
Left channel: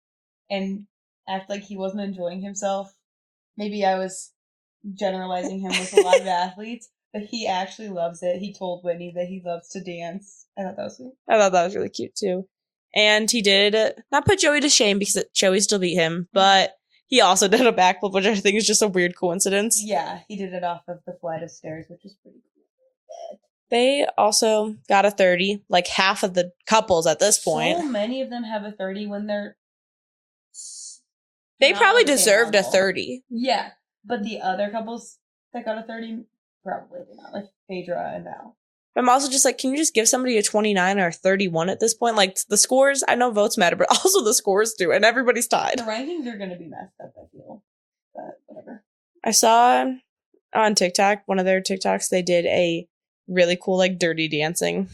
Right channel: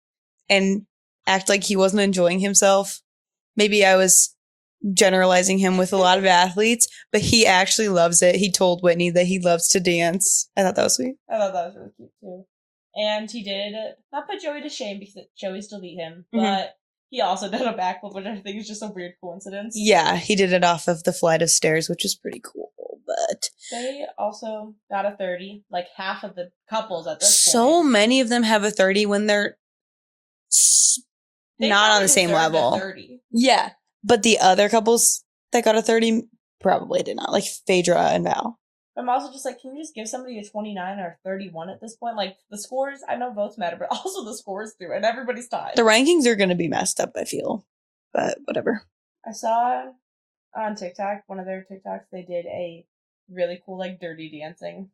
and act like he wasn't enjoying himself. Maybe I was generalizing him with a lot of athletes, but he actually loves it. He told Whitney that he loves to dance. I thought that was sweet. I thought that was really cute too. And he did not put Joey to shame because Joey still beat him, but he also did a backflip, which I think is just a weird coincidence. Yeah, he did it off of the flight of stairs, which was pretty cool. But they also got a 30, like half of the couples at this point. So many of them have a 30 when they probably deserved a 30. Yeah. But the other couples that got a 30 probably did not, like Phaedra and Val. I'm also just like, can you just give somebody a 29 or a 31 at this point? Like, the scores, I know votes matter, but also the scores do, and everybody's tied. The rankings are going to be messed up, I feel. But whatever. I saw on TikTok, one of their TikToks, they did a really cool, like, dirty dancing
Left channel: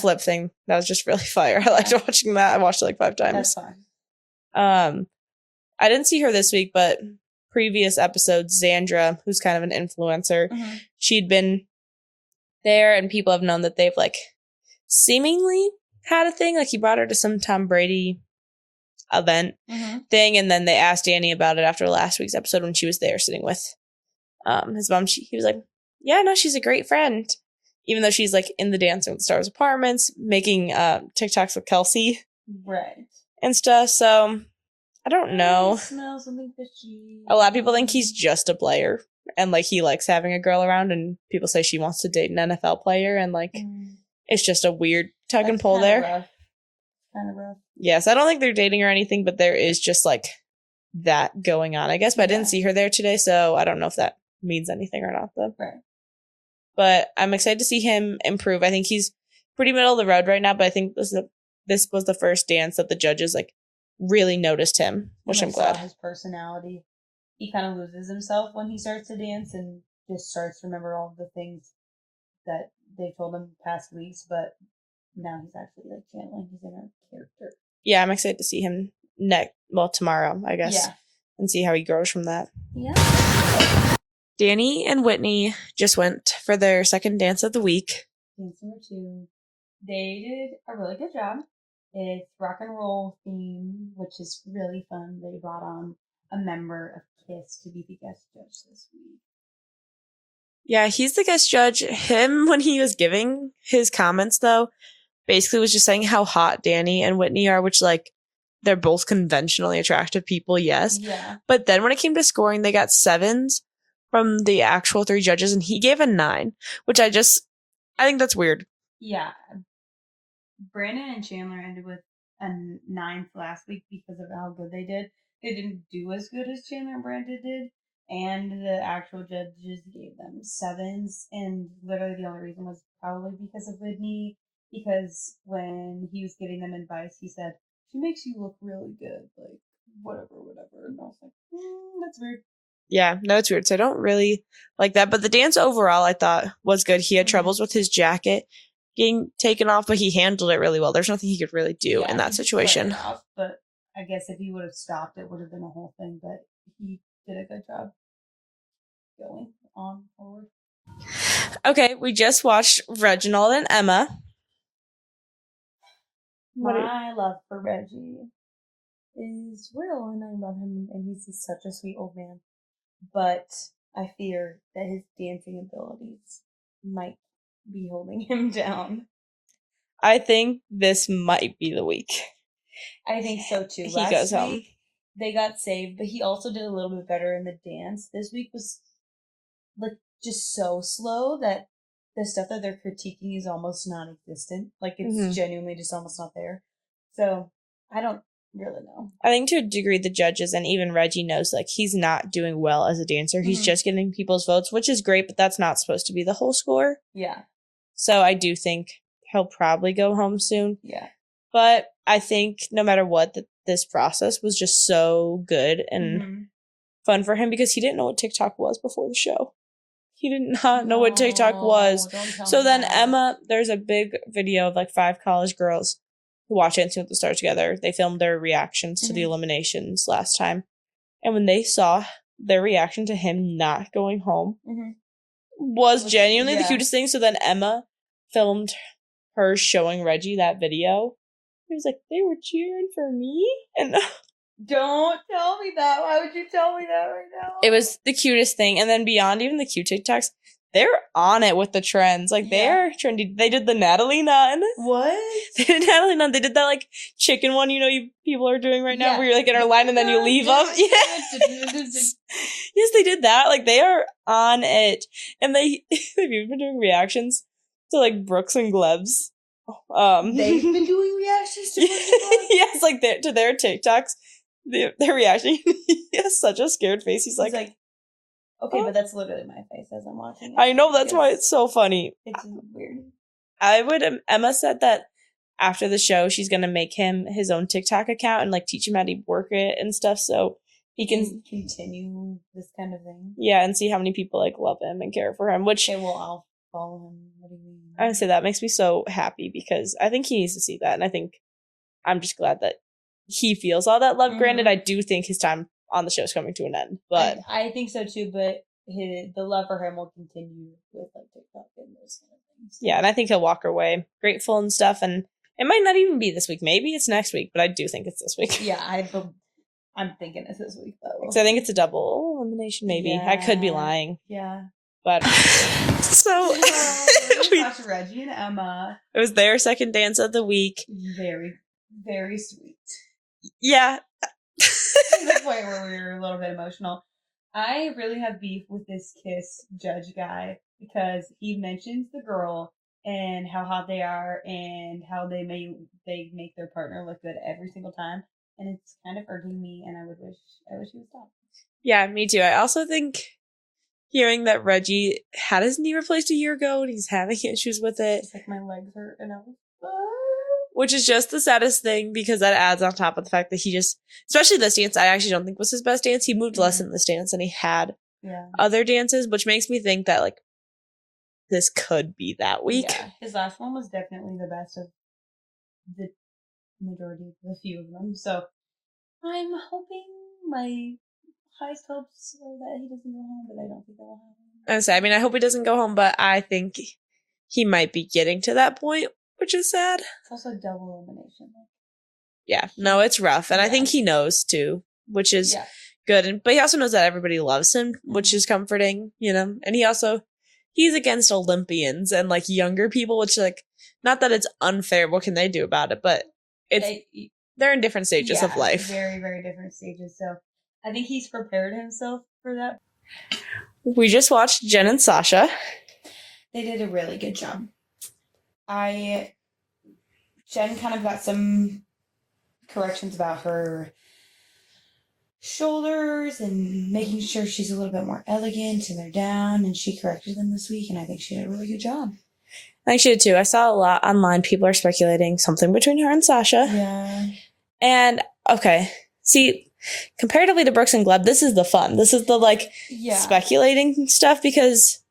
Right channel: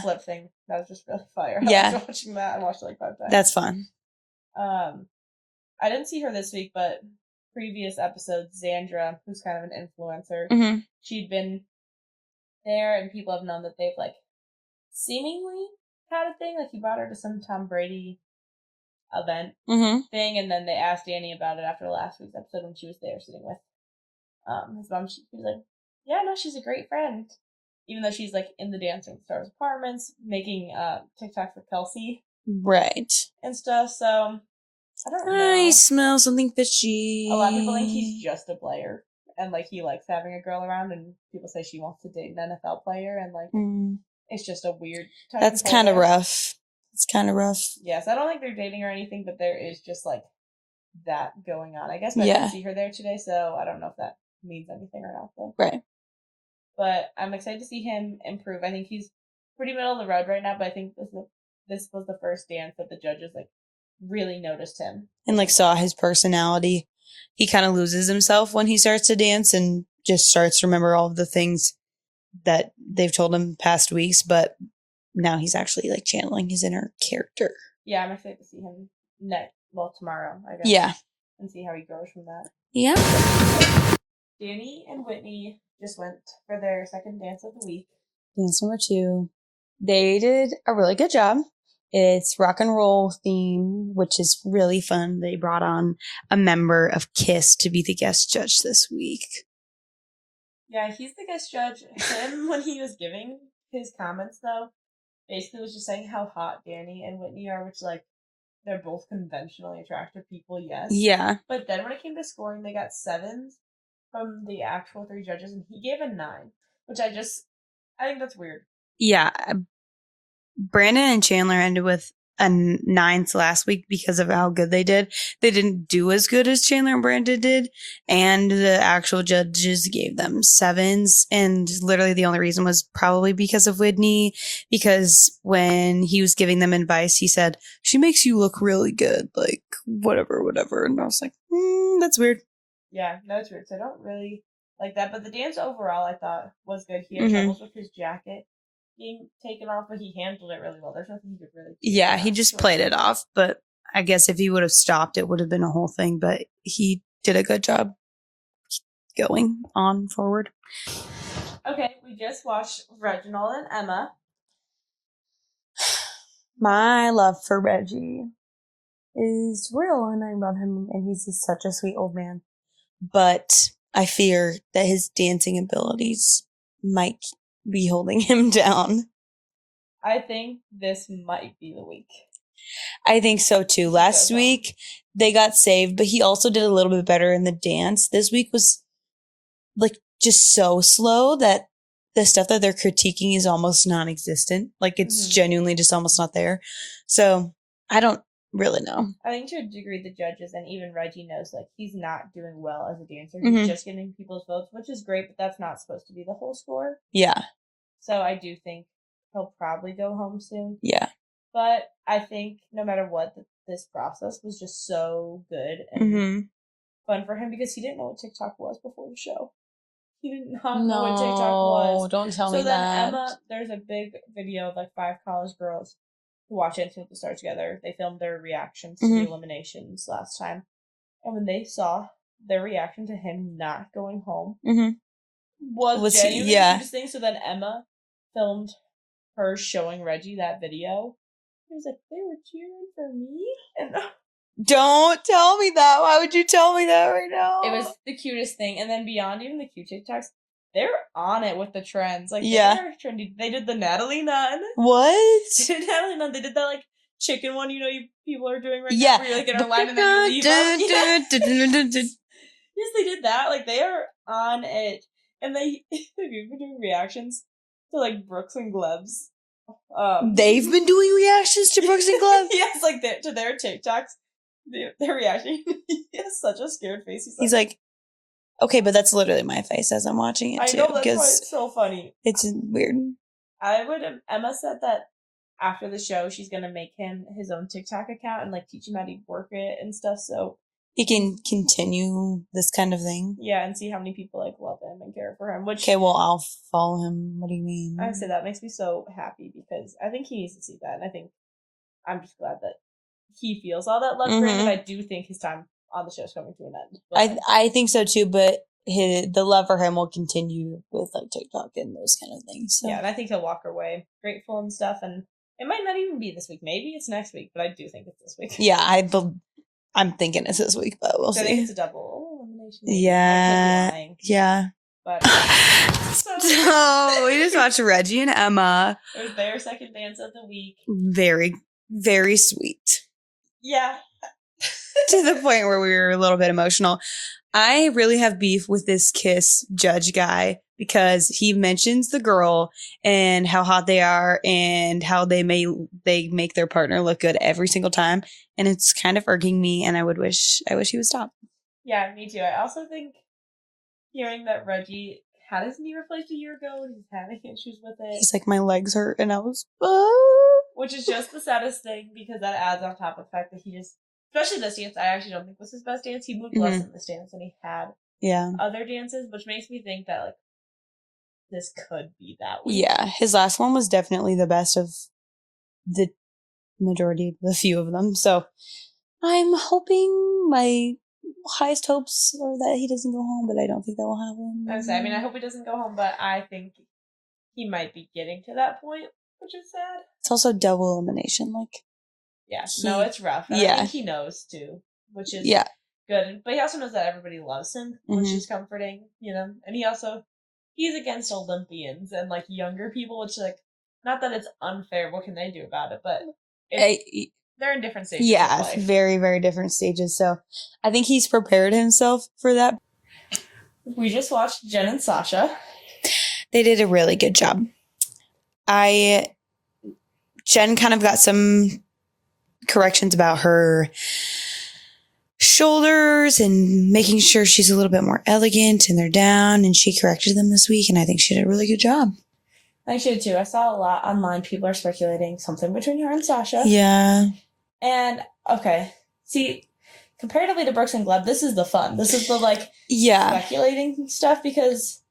flip thing. That was just really fire. I liked watching that. I watched it like 5 times. That's fun. I didn't see her this week, but previous episodes, Xandra, who's kind of an influencer, she'd been there, and people have known that they've, like, seemingly had a thing. Like, he brought her to some Tom Brady event thing, and then they asked Danny about it after last week's episode when she was there sitting with his mom. He was like, yeah, no, she's a great friend. Even though she's, like, in the Dancing with the Stars apartments, making TikToks with Kelsey. Right. And stuff, so I don't know. I smell something fishy. A lot of people think he's just a player. And, like, he likes having a girl around, and people say she wants to date an NFL player, and, like, it's just a weird tug and pull there. That's kind of rough. It's kind of rough. Yes, I don't think they're dating or anything, but there is just, like, that going on, I guess. But I didn't see her there today, so I don't know if that means anything or not, though. Right. But I'm excited to see him improve. I think he's pretty middle of the road right now, but I think this was the first dance that the judges, like, really noticed him. And, like, saw his personality. He kind of loses himself when he starts to dance and just starts to remember all of the things that they've told him past weeks. But now he's actually like channeling his inner character. Yeah, I'm excited to see him tomorrow, I guess. Yeah. And see how he grows from that. Yeah. Danny and Whitney just went for their second dance of the week. Dance number 2. They did a really good job. It's rock and roll theme, which is really fun. They brought on a member of KISS to be the guest judge this week. Yeah, he's the guest judge. Him, when he was giving his comments, though, basically was just saying how hot Danny and Whitney are, which, like, they're both conventionally attractive people, yes. Yeah. But then when it came to scoring, they got 7s from the actual 3 judges, and he gave a 9, which I think that's weird. Yeah. Brandon and Chandler ended with a 9th last week because of how good they did. They didn't do as good as Chandler and Brandon did, and the actual judges gave them 7s, and literally the only reason was probably because of Whitney, because when he was giving them advice, he said, "She makes you look really good, like whatever," and I was like, that's weird. Yeah, no, it's weird. So I don't really like that, but the dance overall I thought was good. He had troubles with his jacket getting taken off, but he handled it really well. There's nothing he could really do. Yeah, in that he just situation. played it off. But I guess if he would have stopped, it would have been a whole thing. But he did a good job going on forward. Okay, we just watched Reginald and Emma. My love for Reggie is real, and I love him, and he's just such a sweet old man. But I fear that his dancing abilities might be holding him down. I think this might be the week. I think so too. Last week they got saved, but he also did a little bit better in the dance. This week was like just so slow that the stuff that they're critiquing is almost non-existent. Like it's genuinely just almost not there. So I don't really know. I think to a degree the judges and even Reggie knows like he's not doing well as a dancer. He's just getting people's votes, which is great, but that's not supposed to be the whole score. Yeah. So I do think he'll probably go home soon. Yeah. But I think no matter what, this process was just so good and fun for him because he didn't know what TikTok was before the show. He did not know what TikTok was. Don't tell me so then that. Emma, there's a big video of like 5 college girls who watch Dancing with the Stars together. They filmed their reactions to the eliminations last time. And when they saw their reaction to him not going home was genuinely the cutest thing. So then Emma filmed her showing Reggie that video. He was like, they were cheering for me? And don't tell me that. Why would you tell me that right now? It was the cutest thing. And then beyond even the cute TikToks, they're on it with the trends. Like, they're trendy. They did the Natalie Nunn. What? They did Natalie Nunn. They did that, like, chicken one, people are doing right now, where you're, like, in a line and then you leave them. Yes, they did that. Like, they are on it. And they've even been doing reactions to, like, Brooks and Gleb's. They've been doing reactions to Brooks and Gleb? Yes, like, to their TikToks. They're reacting. He has such a scared face. He's like, okay, but that's literally my face as I'm watching it. I know, that's why it's so funny. It's weird. Emma said that after the show, she's going to make him his own TikTok account and like teach him how to work it and stuff. So he can continue this kind of thing. Yeah, and see how many people like love him and care for him. Which, okay, well, I'll follow him. What do you mean? I say that makes me so happy because I think he needs to see that. And I think I'm just glad that he feels all that love. Granted, I do think his time on the show is coming to an end. But I think so too, but the love for him will continue with like TikTok and those kind of things. So. Yeah, and I think he'll walk away grateful and stuff. And it might not even be this week. Maybe it's next week, but I do think it's this week. Yeah, I'm thinking it's this week, but we'll see. I think it's a double elimination, maybe. Yeah. I could be lying. Yeah. But so we just watched Reggie and Emma. It was their second dance of the week. Very, very sweet. Yeah. To the point where we were a little bit emotional. I really have beef with this KISS judge guy because he mentions the girl and how hot they are and how they make their partner look good every single time. And it's kind of irking me, and I wish he would stop. Yeah, me too. I also think hearing that Reggie had his knee replaced a year ago and he's having issues with it. He's like, my legs hurt, and I was... Which is just the saddest thing because that adds on top of the fact that he just, especially this dance, I actually don't think was his best dance. He moved less in this dance than he had other dances, which makes me think that like this could be that week. Yeah, his last one was definitely the best of the majority, the few of them. So I'm hoping, my highest hopes are that he doesn't go home, but I don't think that will happen. I hope he doesn't go home, but I think he might be getting to that point, which is sad. It's also double elimination. Yeah, no, it's rough. And I think he knows too, which is good. But he also knows that everybody loves him, which is comforting, And he's against Olympians and younger people, which not that it's unfair. What can they do about it? But they're in different stages of life. Very, very different stages. So I think he's prepared himself for that. We just watched Jen and Sasha. They did a really good job. Jen kind of got some corrections about her shoulders and making sure she's a little bit more elegant and they're down, and she corrected them this week, and I think she did a really good job. I think she did too. I saw a lot online. People are speculating something between her and Sasha. Yeah. And, okay. See, comparatively to Brooks and Gleb, this is the fun. This is the, speculating stuff, because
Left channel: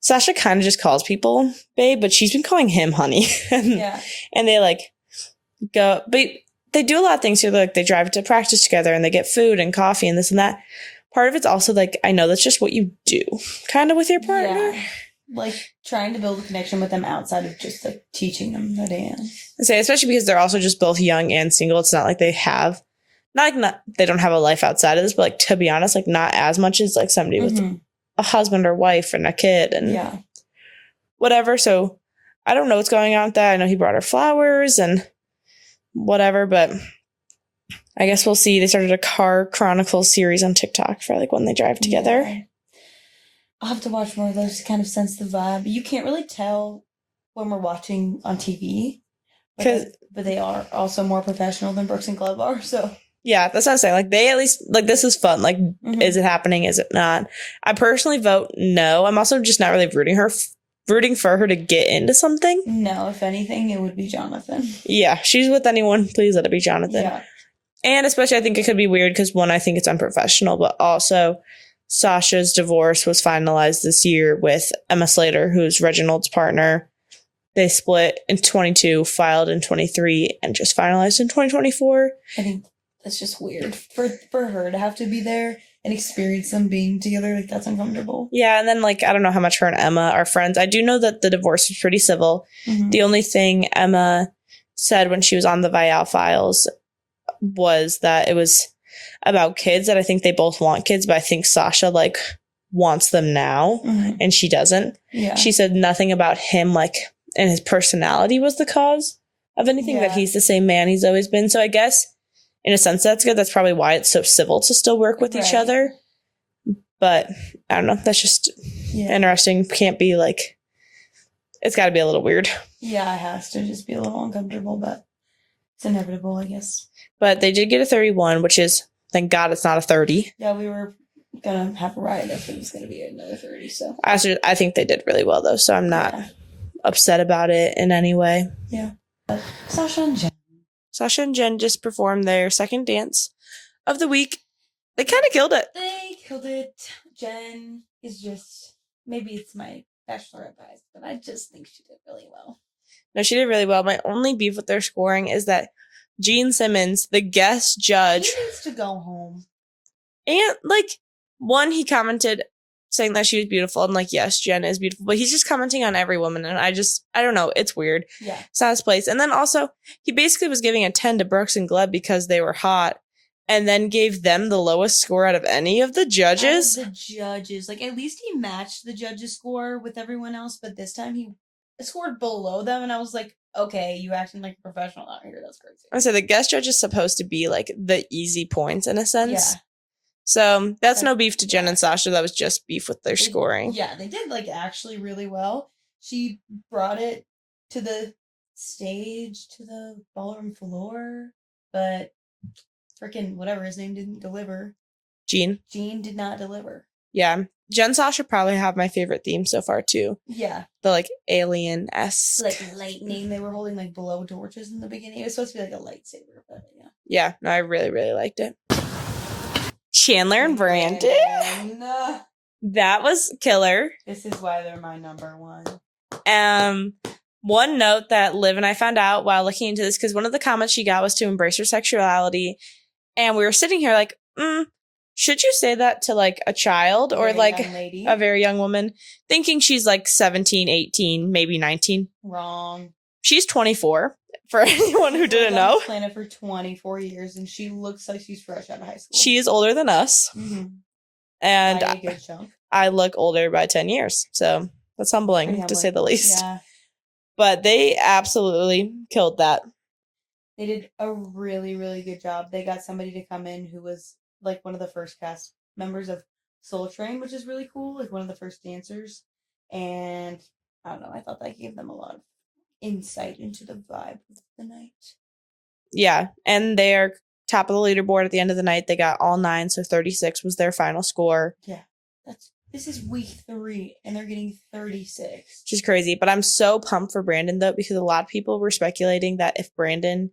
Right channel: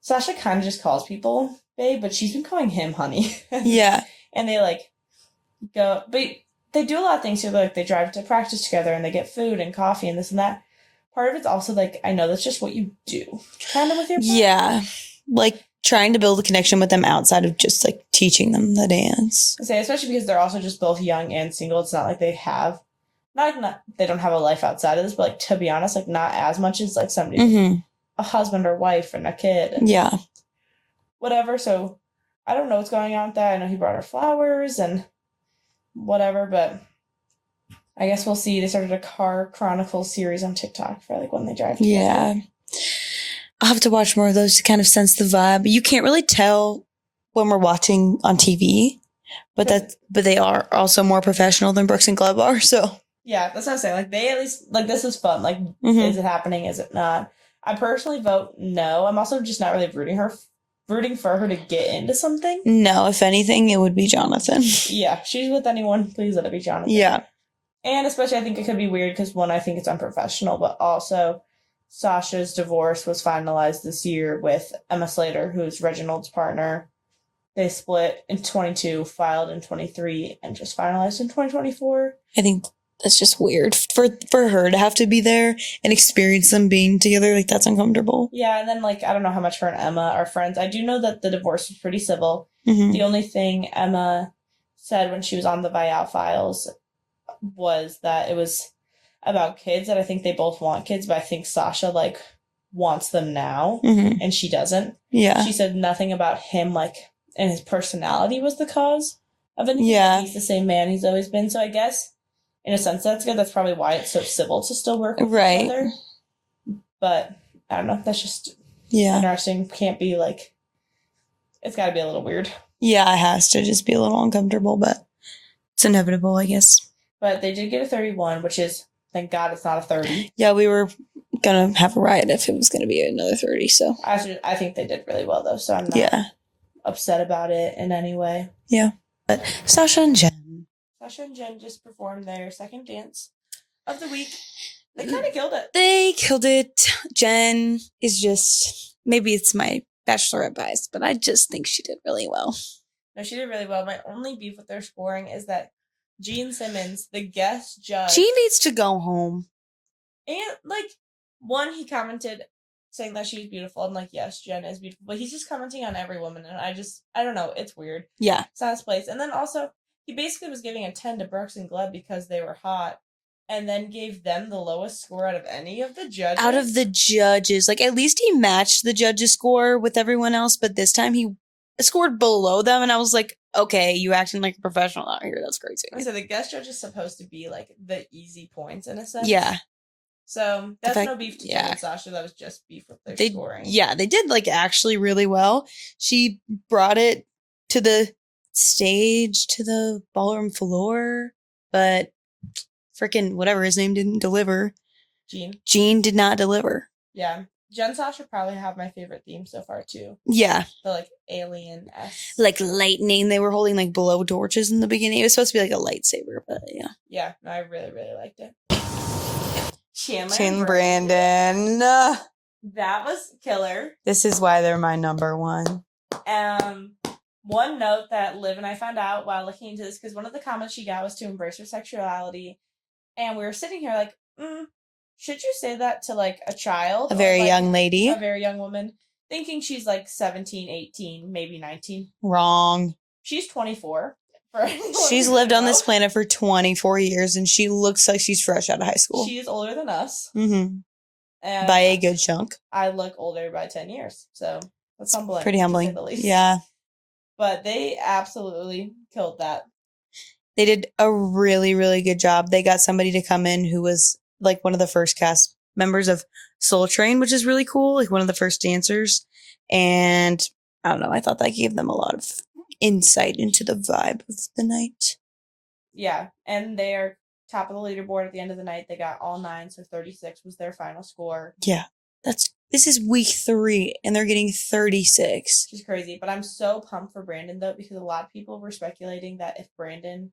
Sasha kind of just calls people babe, but she's been calling him honey. Yeah. And they, go... But they do a lot of things here. They drive to practice together, and they get food and coffee and this and that. Part of it's also, I know that's just what you do, kind of with your partner. Yeah. Trying to build a connection with them outside of just, teaching them the dance. I say, especially because they're also just both young and single. It's not like they have... Not they don't have a life outside of this, but, to be honest, not as much as, somebody with a husband or wife and a kid and whatever. So I don't know what's going on with that. I know he brought her flowers and whatever, but I guess we'll see. They started a car chronicles series on TikTok for when they drive together. Yeah. I'll have to watch more of those to kind of sense the vibe. You can't really tell when we're watching on TV, but they are also more professional than Brooks and Gleb are. So yeah, that's what I'm saying. They at least this is fun. Is it happening? Is it not? I personally vote no. I'm also just not really rooting for her to get into something. No, if anything, it would be Jonathan. Yeah, she's with anyone. Please let it be Jonathan. Yeah. And especially I think it could be weird because one, I think it's unprofessional, but also Sasha's divorce was finalized this year with Emma Slater, who's Reginald's partner. They split in 22, filed in 23, and just finalized in 2024. I think that's just weird for her to have to be there and experience them being together. That's uncomfortable. Yeah, and then I don't know how much her and Emma are friends. I do know that the divorce was pretty civil. Mm-hmm. The only thing Emma said when she was on the Vial Files was that it was about kids, that I think they both want kids, but I think Sasha wants them now, and she doesn't. Yeah. She said nothing about him and his personality was the cause of anything. That he's the same man he's always been. So I guess in a sense that's good. That's probably why it's so civil to still work with each other. But I don't know. That's just interesting. Can't be it's got to be a little weird. Yeah, it has to just be a little uncomfortable, but it's inevitable, I guess. But they did get a 31, which is, thank God it's not a 30. Yeah, we were going to have a riot if it was going to be another 30. So I think they did really well, though. So I'm not upset about it in any way. Yeah. But Sasha and Jen just performed their second dance of the week. They kind of killed it. They killed it. Jen is just, maybe it's my bachelorette bias, but I just think she did really well. No, she did really well. My only beef with their scoring is that Gene Simmons, the guest judge. She needs to go home. And one, he commented saying that she was beautiful. And yes, Jen is beautiful. But he's just commenting on every woman. And I don't know. It's weird. Yeah. It's not his place. And then also, he basically was giving a 10 to Brooks and Gleb because they were hot. And then gave them the lowest score out of any of the judges. At least he matched the judges' score with everyone else. But this time he scored below them. And I was like, okay, you acting like a professional out here. That's crazy. I said the guest judge is supposed to be the easy points in a sense. Yeah. So that's no beef to Jen and Sasha. That was just beef with their scoring. Yeah, they did actually really well. She brought it to the stage, to the ballroom floor, but freaking whatever his name didn't deliver. Gene did not deliver. Yeah. Jen and Sasha probably have my favorite theme so far too. Yeah. The alien-esque. Lightning. They were holding blow torches in the beginning. It was supposed to be a lightsaber, but yeah. Yeah. No, I really, really liked it. Chandler and Brandon. That was killer. This is why they're my number one. One note that Liv and I found out while looking into this, because one of the comments she got was to embrace her sexuality. And we were sitting here like, should you say that to like a child A very or like young lady? a very young woman, thinking she's like 17, 18, maybe 19? Wrong. She's 24. For anyone She's who lived didn't on know. this planet for 24 years, and she looks like she's fresh out of high school. She is older than us. Mm-hmm. And By a good chunk. I look older by 10 years. So that's humbling, Pretty humbling, to say the least. Yeah. But they absolutely killed that. They did a really, really good job. They got somebody to come in who was like one of the first cast members of Soul Train, which is really cool. Like one of the first dancers. And I don't know. I thought that gave them a lot of insight into the vibe of the night. Yeah. And they're top of the leaderboard at the end of the night. They got all 9. So 36 was their final score. Yeah. This is week 3 and they're getting 36. Which is crazy. But I'm so pumped for Brandon though, because a lot of people were speculating that if Brandon,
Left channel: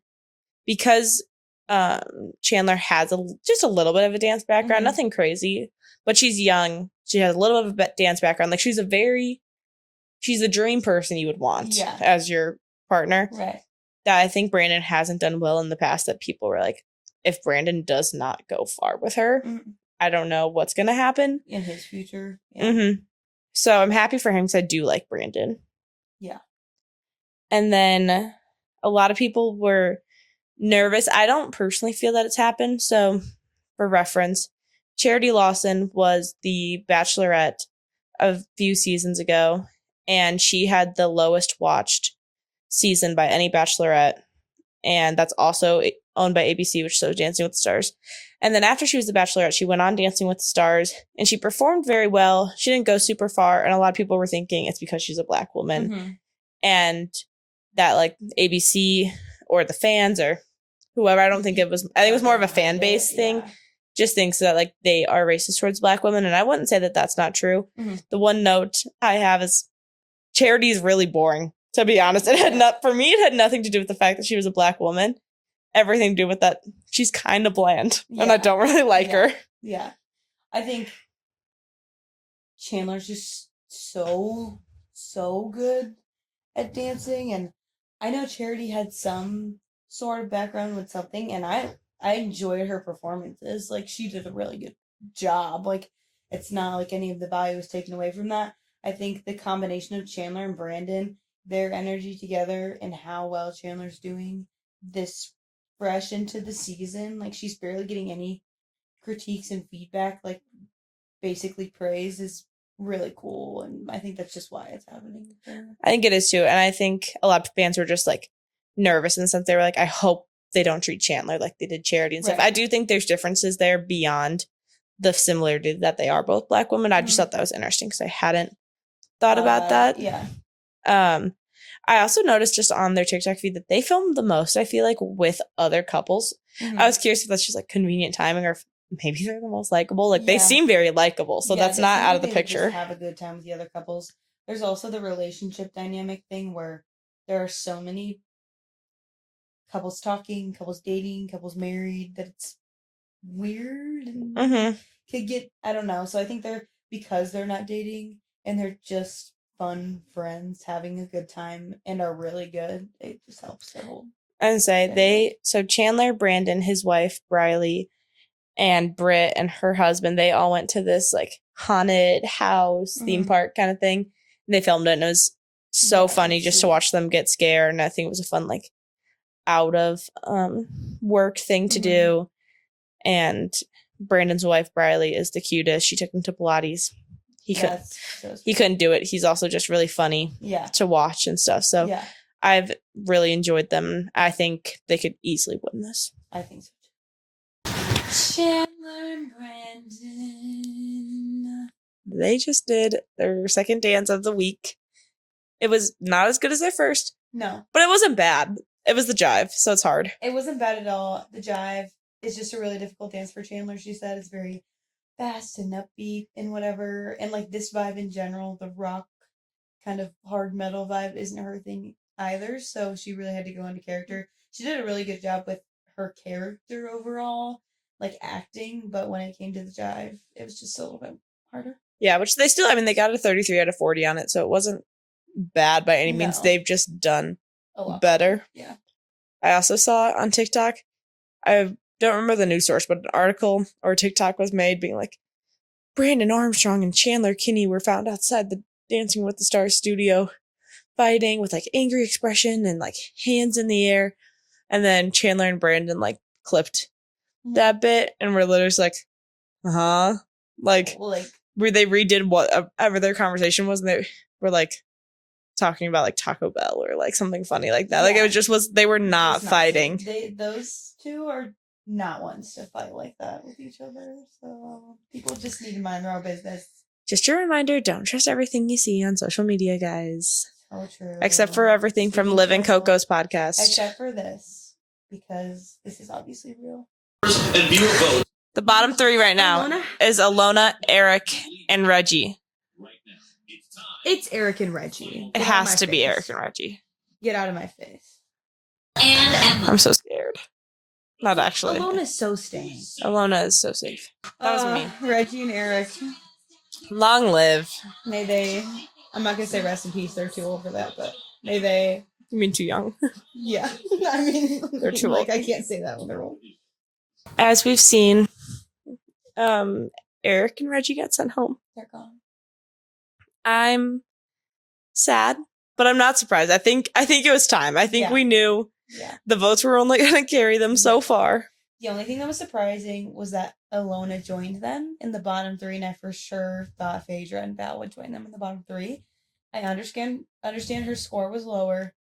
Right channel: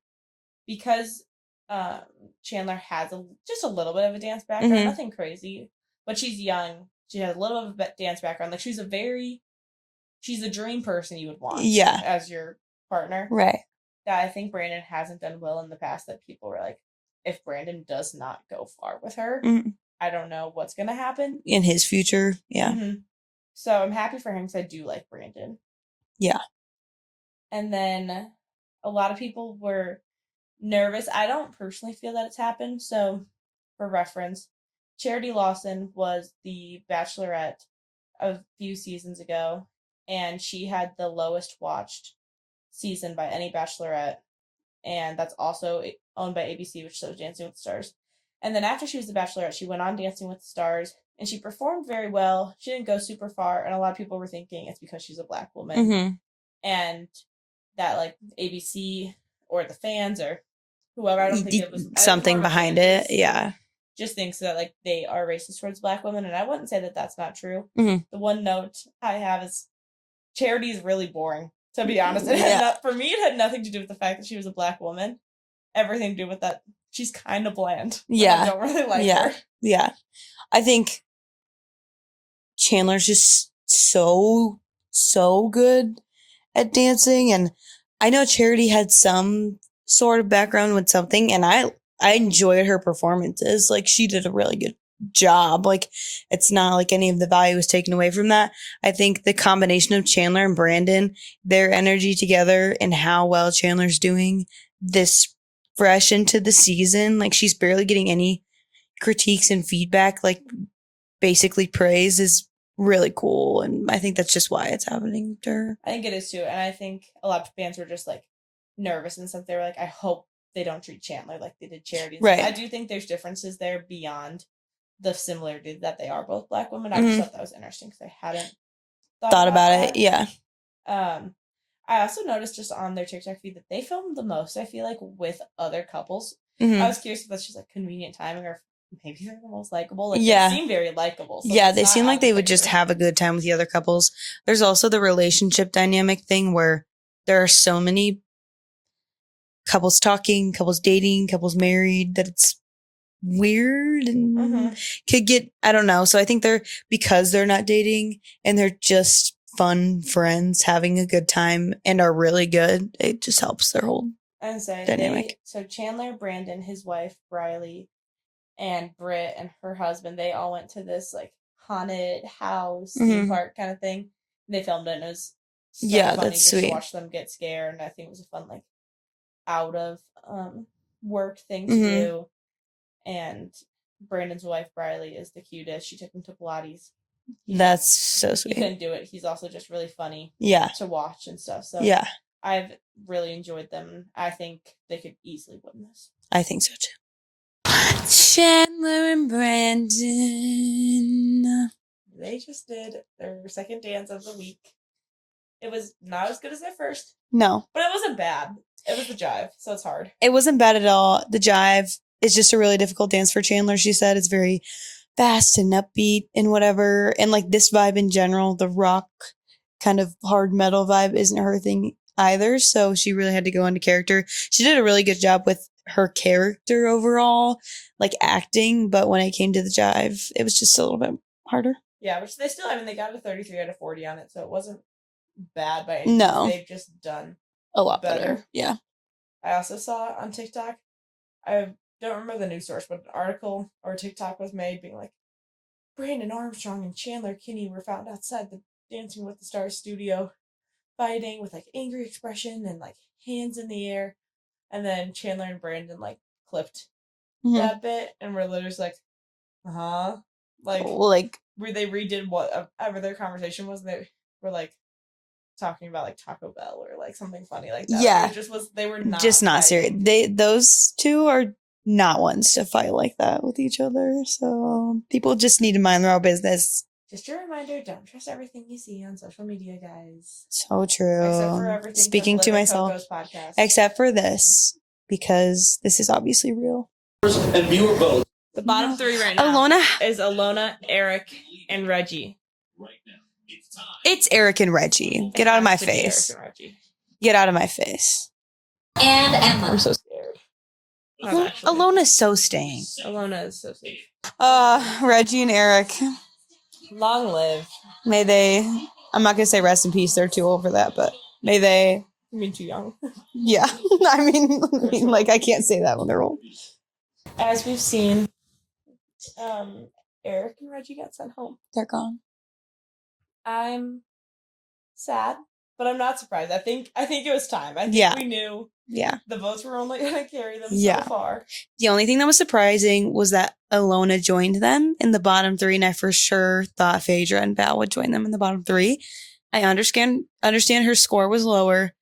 because Chandler has just a little bit of a dance background, Mhm. nothing crazy, but she's young. She has a little bit of a dance background. Like she's the dream person you would want as your partner. Right. That I think Brandon hasn't done well in the past, that people were like, if Brandon does not go far with her, I don't know what's going to happen. In his future. Yeah. So I'm happy for him because I do like Brandon. Yeah. And then a lot of people were nervous. I don't personally feel that it's happened. So for reference, Charity Lawson was the Bachelorette a few seasons ago, and she had the lowest watched season by any Bachelorette. And that's also owned by ABC, which shows Dancing with the Stars. And then after she was the Bachelorette, she went on Dancing with the Stars, and she performed very well. She didn't go super far, and a lot of people were thinking it's because she's a Black woman. And that, like, ABC or the fans or whoever, I don't think it was more of a fan base thing. Yeah. Just thinks that, like, they are racist towards Black women, and I wouldn't say that that's not true. The one note I have is Charity is really boring, to be honest. For me, it had nothing to do with the fact that she was a Black woman. Everything to do with that she's kind of bland. Yeah. And I don't really like her. Yeah. I think Chandler's just so good at dancing. And I know Charity had some sort of background with something, and I enjoyed her performances. Like, she did a really good job. Like, it's not like any of the value was taken away from that. I think the combination of Chandler and Brandon, their energy together, and how well Chandler's doing this fresh into the season, like she's barely getting any critiques and feedback, like basically praise, is really cool. And I think that's just why it's happening to her. I think it is too. And I think a lot of fans were just like nervous in the sense they were like, I hope they don't treat Chandler like they did Charity and stuff. I do think there's differences there beyond the similarity that they are both Black women. I just thought that was interesting because I hadn't thought about that. Yeah. I also noticed just on their TikTok feed that they filmed the most, I feel like, with other couples. I was curious if that's just like convenient timing or if maybe they're the most likable. Like they seem very likable. So yeah, they seem like they would just have a good time with the other couples. There's also the relationship dynamic thing where there are so many couples talking, couples dating, couples married, that it's weird and could get, I don't know. So I think because they're not dating and they're just fun friends having a good time and are really good, it just helps their whole dynamic. So Chandler, Brandon, his wife Briley, and Britt and her husband, they all went to this like haunted house theme park kind of thing, and they filmed it, and it was so funny just to watch them get scared. And I think it was a fun like out of work thing to do. And Brandon's wife Briley is the cutest. She took him to Pilates. That's so sweet. He couldn't do it. He's also just really funny to watch and stuff. So I've really enjoyed them. I think they could easily win this. I think so too. Chandler and Brandon. They just did their second dance of the week. It was not as good as their first. No. But it wasn't bad. It was the jive, so it's hard. It wasn't bad at all. The jive is just a really difficult dance for Chandler. She said it's very fast and upbeat and whatever. And like this vibe in general, the rock kind of hard metal vibe isn't her thing either. So she really had to go into character. She did a really good job with her character overall, like acting. But when it came to the jive, it was just a little bit harder. Yeah, which they still, I mean, they got a 33 out of 40 on it. So it wasn't bad by any means. No. They've just done A lot better. Yeah. I also saw on TikTok, I don't remember the news source, but an article or TikTok was made being like, Brandon Armstrong and Chandler Kinney were found outside the Dancing with the Stars studio fighting with like angry expression and like hands in the air. And then Chandler and Brandon like clipped that bit and we're literally just like, like where they redid whatever their conversation was and they were like talking about like Taco Bell or like something funny like that. Like it was they were not just fighting. Those two are not ones to fight like that with each other. So people just need to mind their own business. Just a reminder, don't trust everything you see on social media, guys. So true. Except for everything from Liv Coco's podcast. Except for this, because this is obviously real. And Mirrorball. The bottom three right now is Alona, Eric, and Reggie. It's Eric and Reggie. Get out of my face. Be Eric and Reggie. Get out of my face. And Emma. I'm so scared. Not actually. Alona's so staying. Alona is so safe. Reggie and Eric. Long live. May they, I'm not going to say rest in peace. They're too old for that, but may they. You mean too young? Yeah. I mean like, I can't say that when they're old. As we've seen, Eric and Reggie got sent home. They're gone. I'm sad, but I'm not surprised. I think it was time. I think we knew the votes were only going to carry them so far. The only thing that was surprising was that Alona joined them in the bottom three, and I for sure thought Phaedra and Val would join them in the bottom three. I understand her score was lower,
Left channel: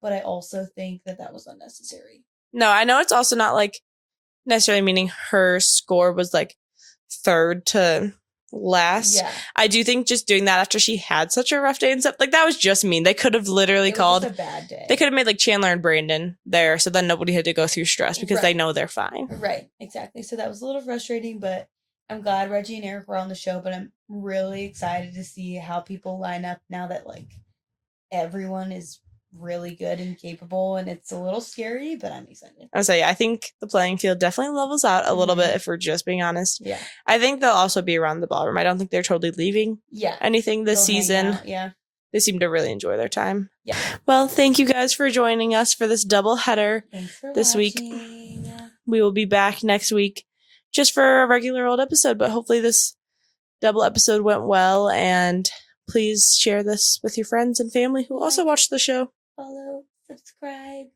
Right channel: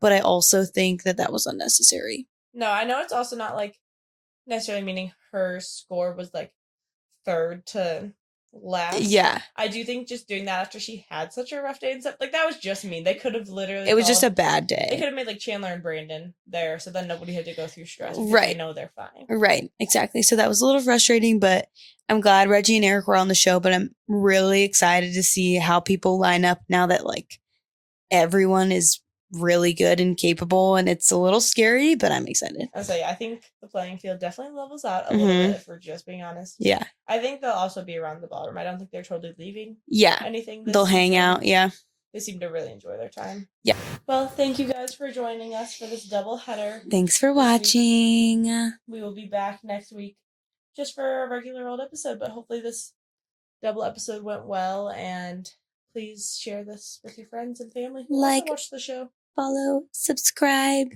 but I also think that was unnecessary. No, I know it's also not like necessarily meaning her score was like third to last. Yeah. I do think just doing that after she had such a rough day and stuff, like that was just mean. They could have literally It was just a bad day. They could have made like Chandler and Brandon there so then nobody had to go through stress because they know they're fine. Right. Exactly. So that was a little frustrating, but I'm glad Reggie and Eric were on the show, but I'm really excited to see how people line up now that like everyone is really good and capable, and it's a little scary, but I'm excited. I would say, I think the playing field definitely levels out a little bit if we're just being honest. Yeah. I think they'll also be around the ballroom. I don't think they're totally leaving anything this season. They'll hang out, They seem to really enjoy their time. Yeah. Well, thank you guys for joining us for this double header. Thanks for watching. We will be back next week just for a regular old episode, but hopefully this double episode went well, and please share this with your friends and family who also watch the show. Follow, subscribe.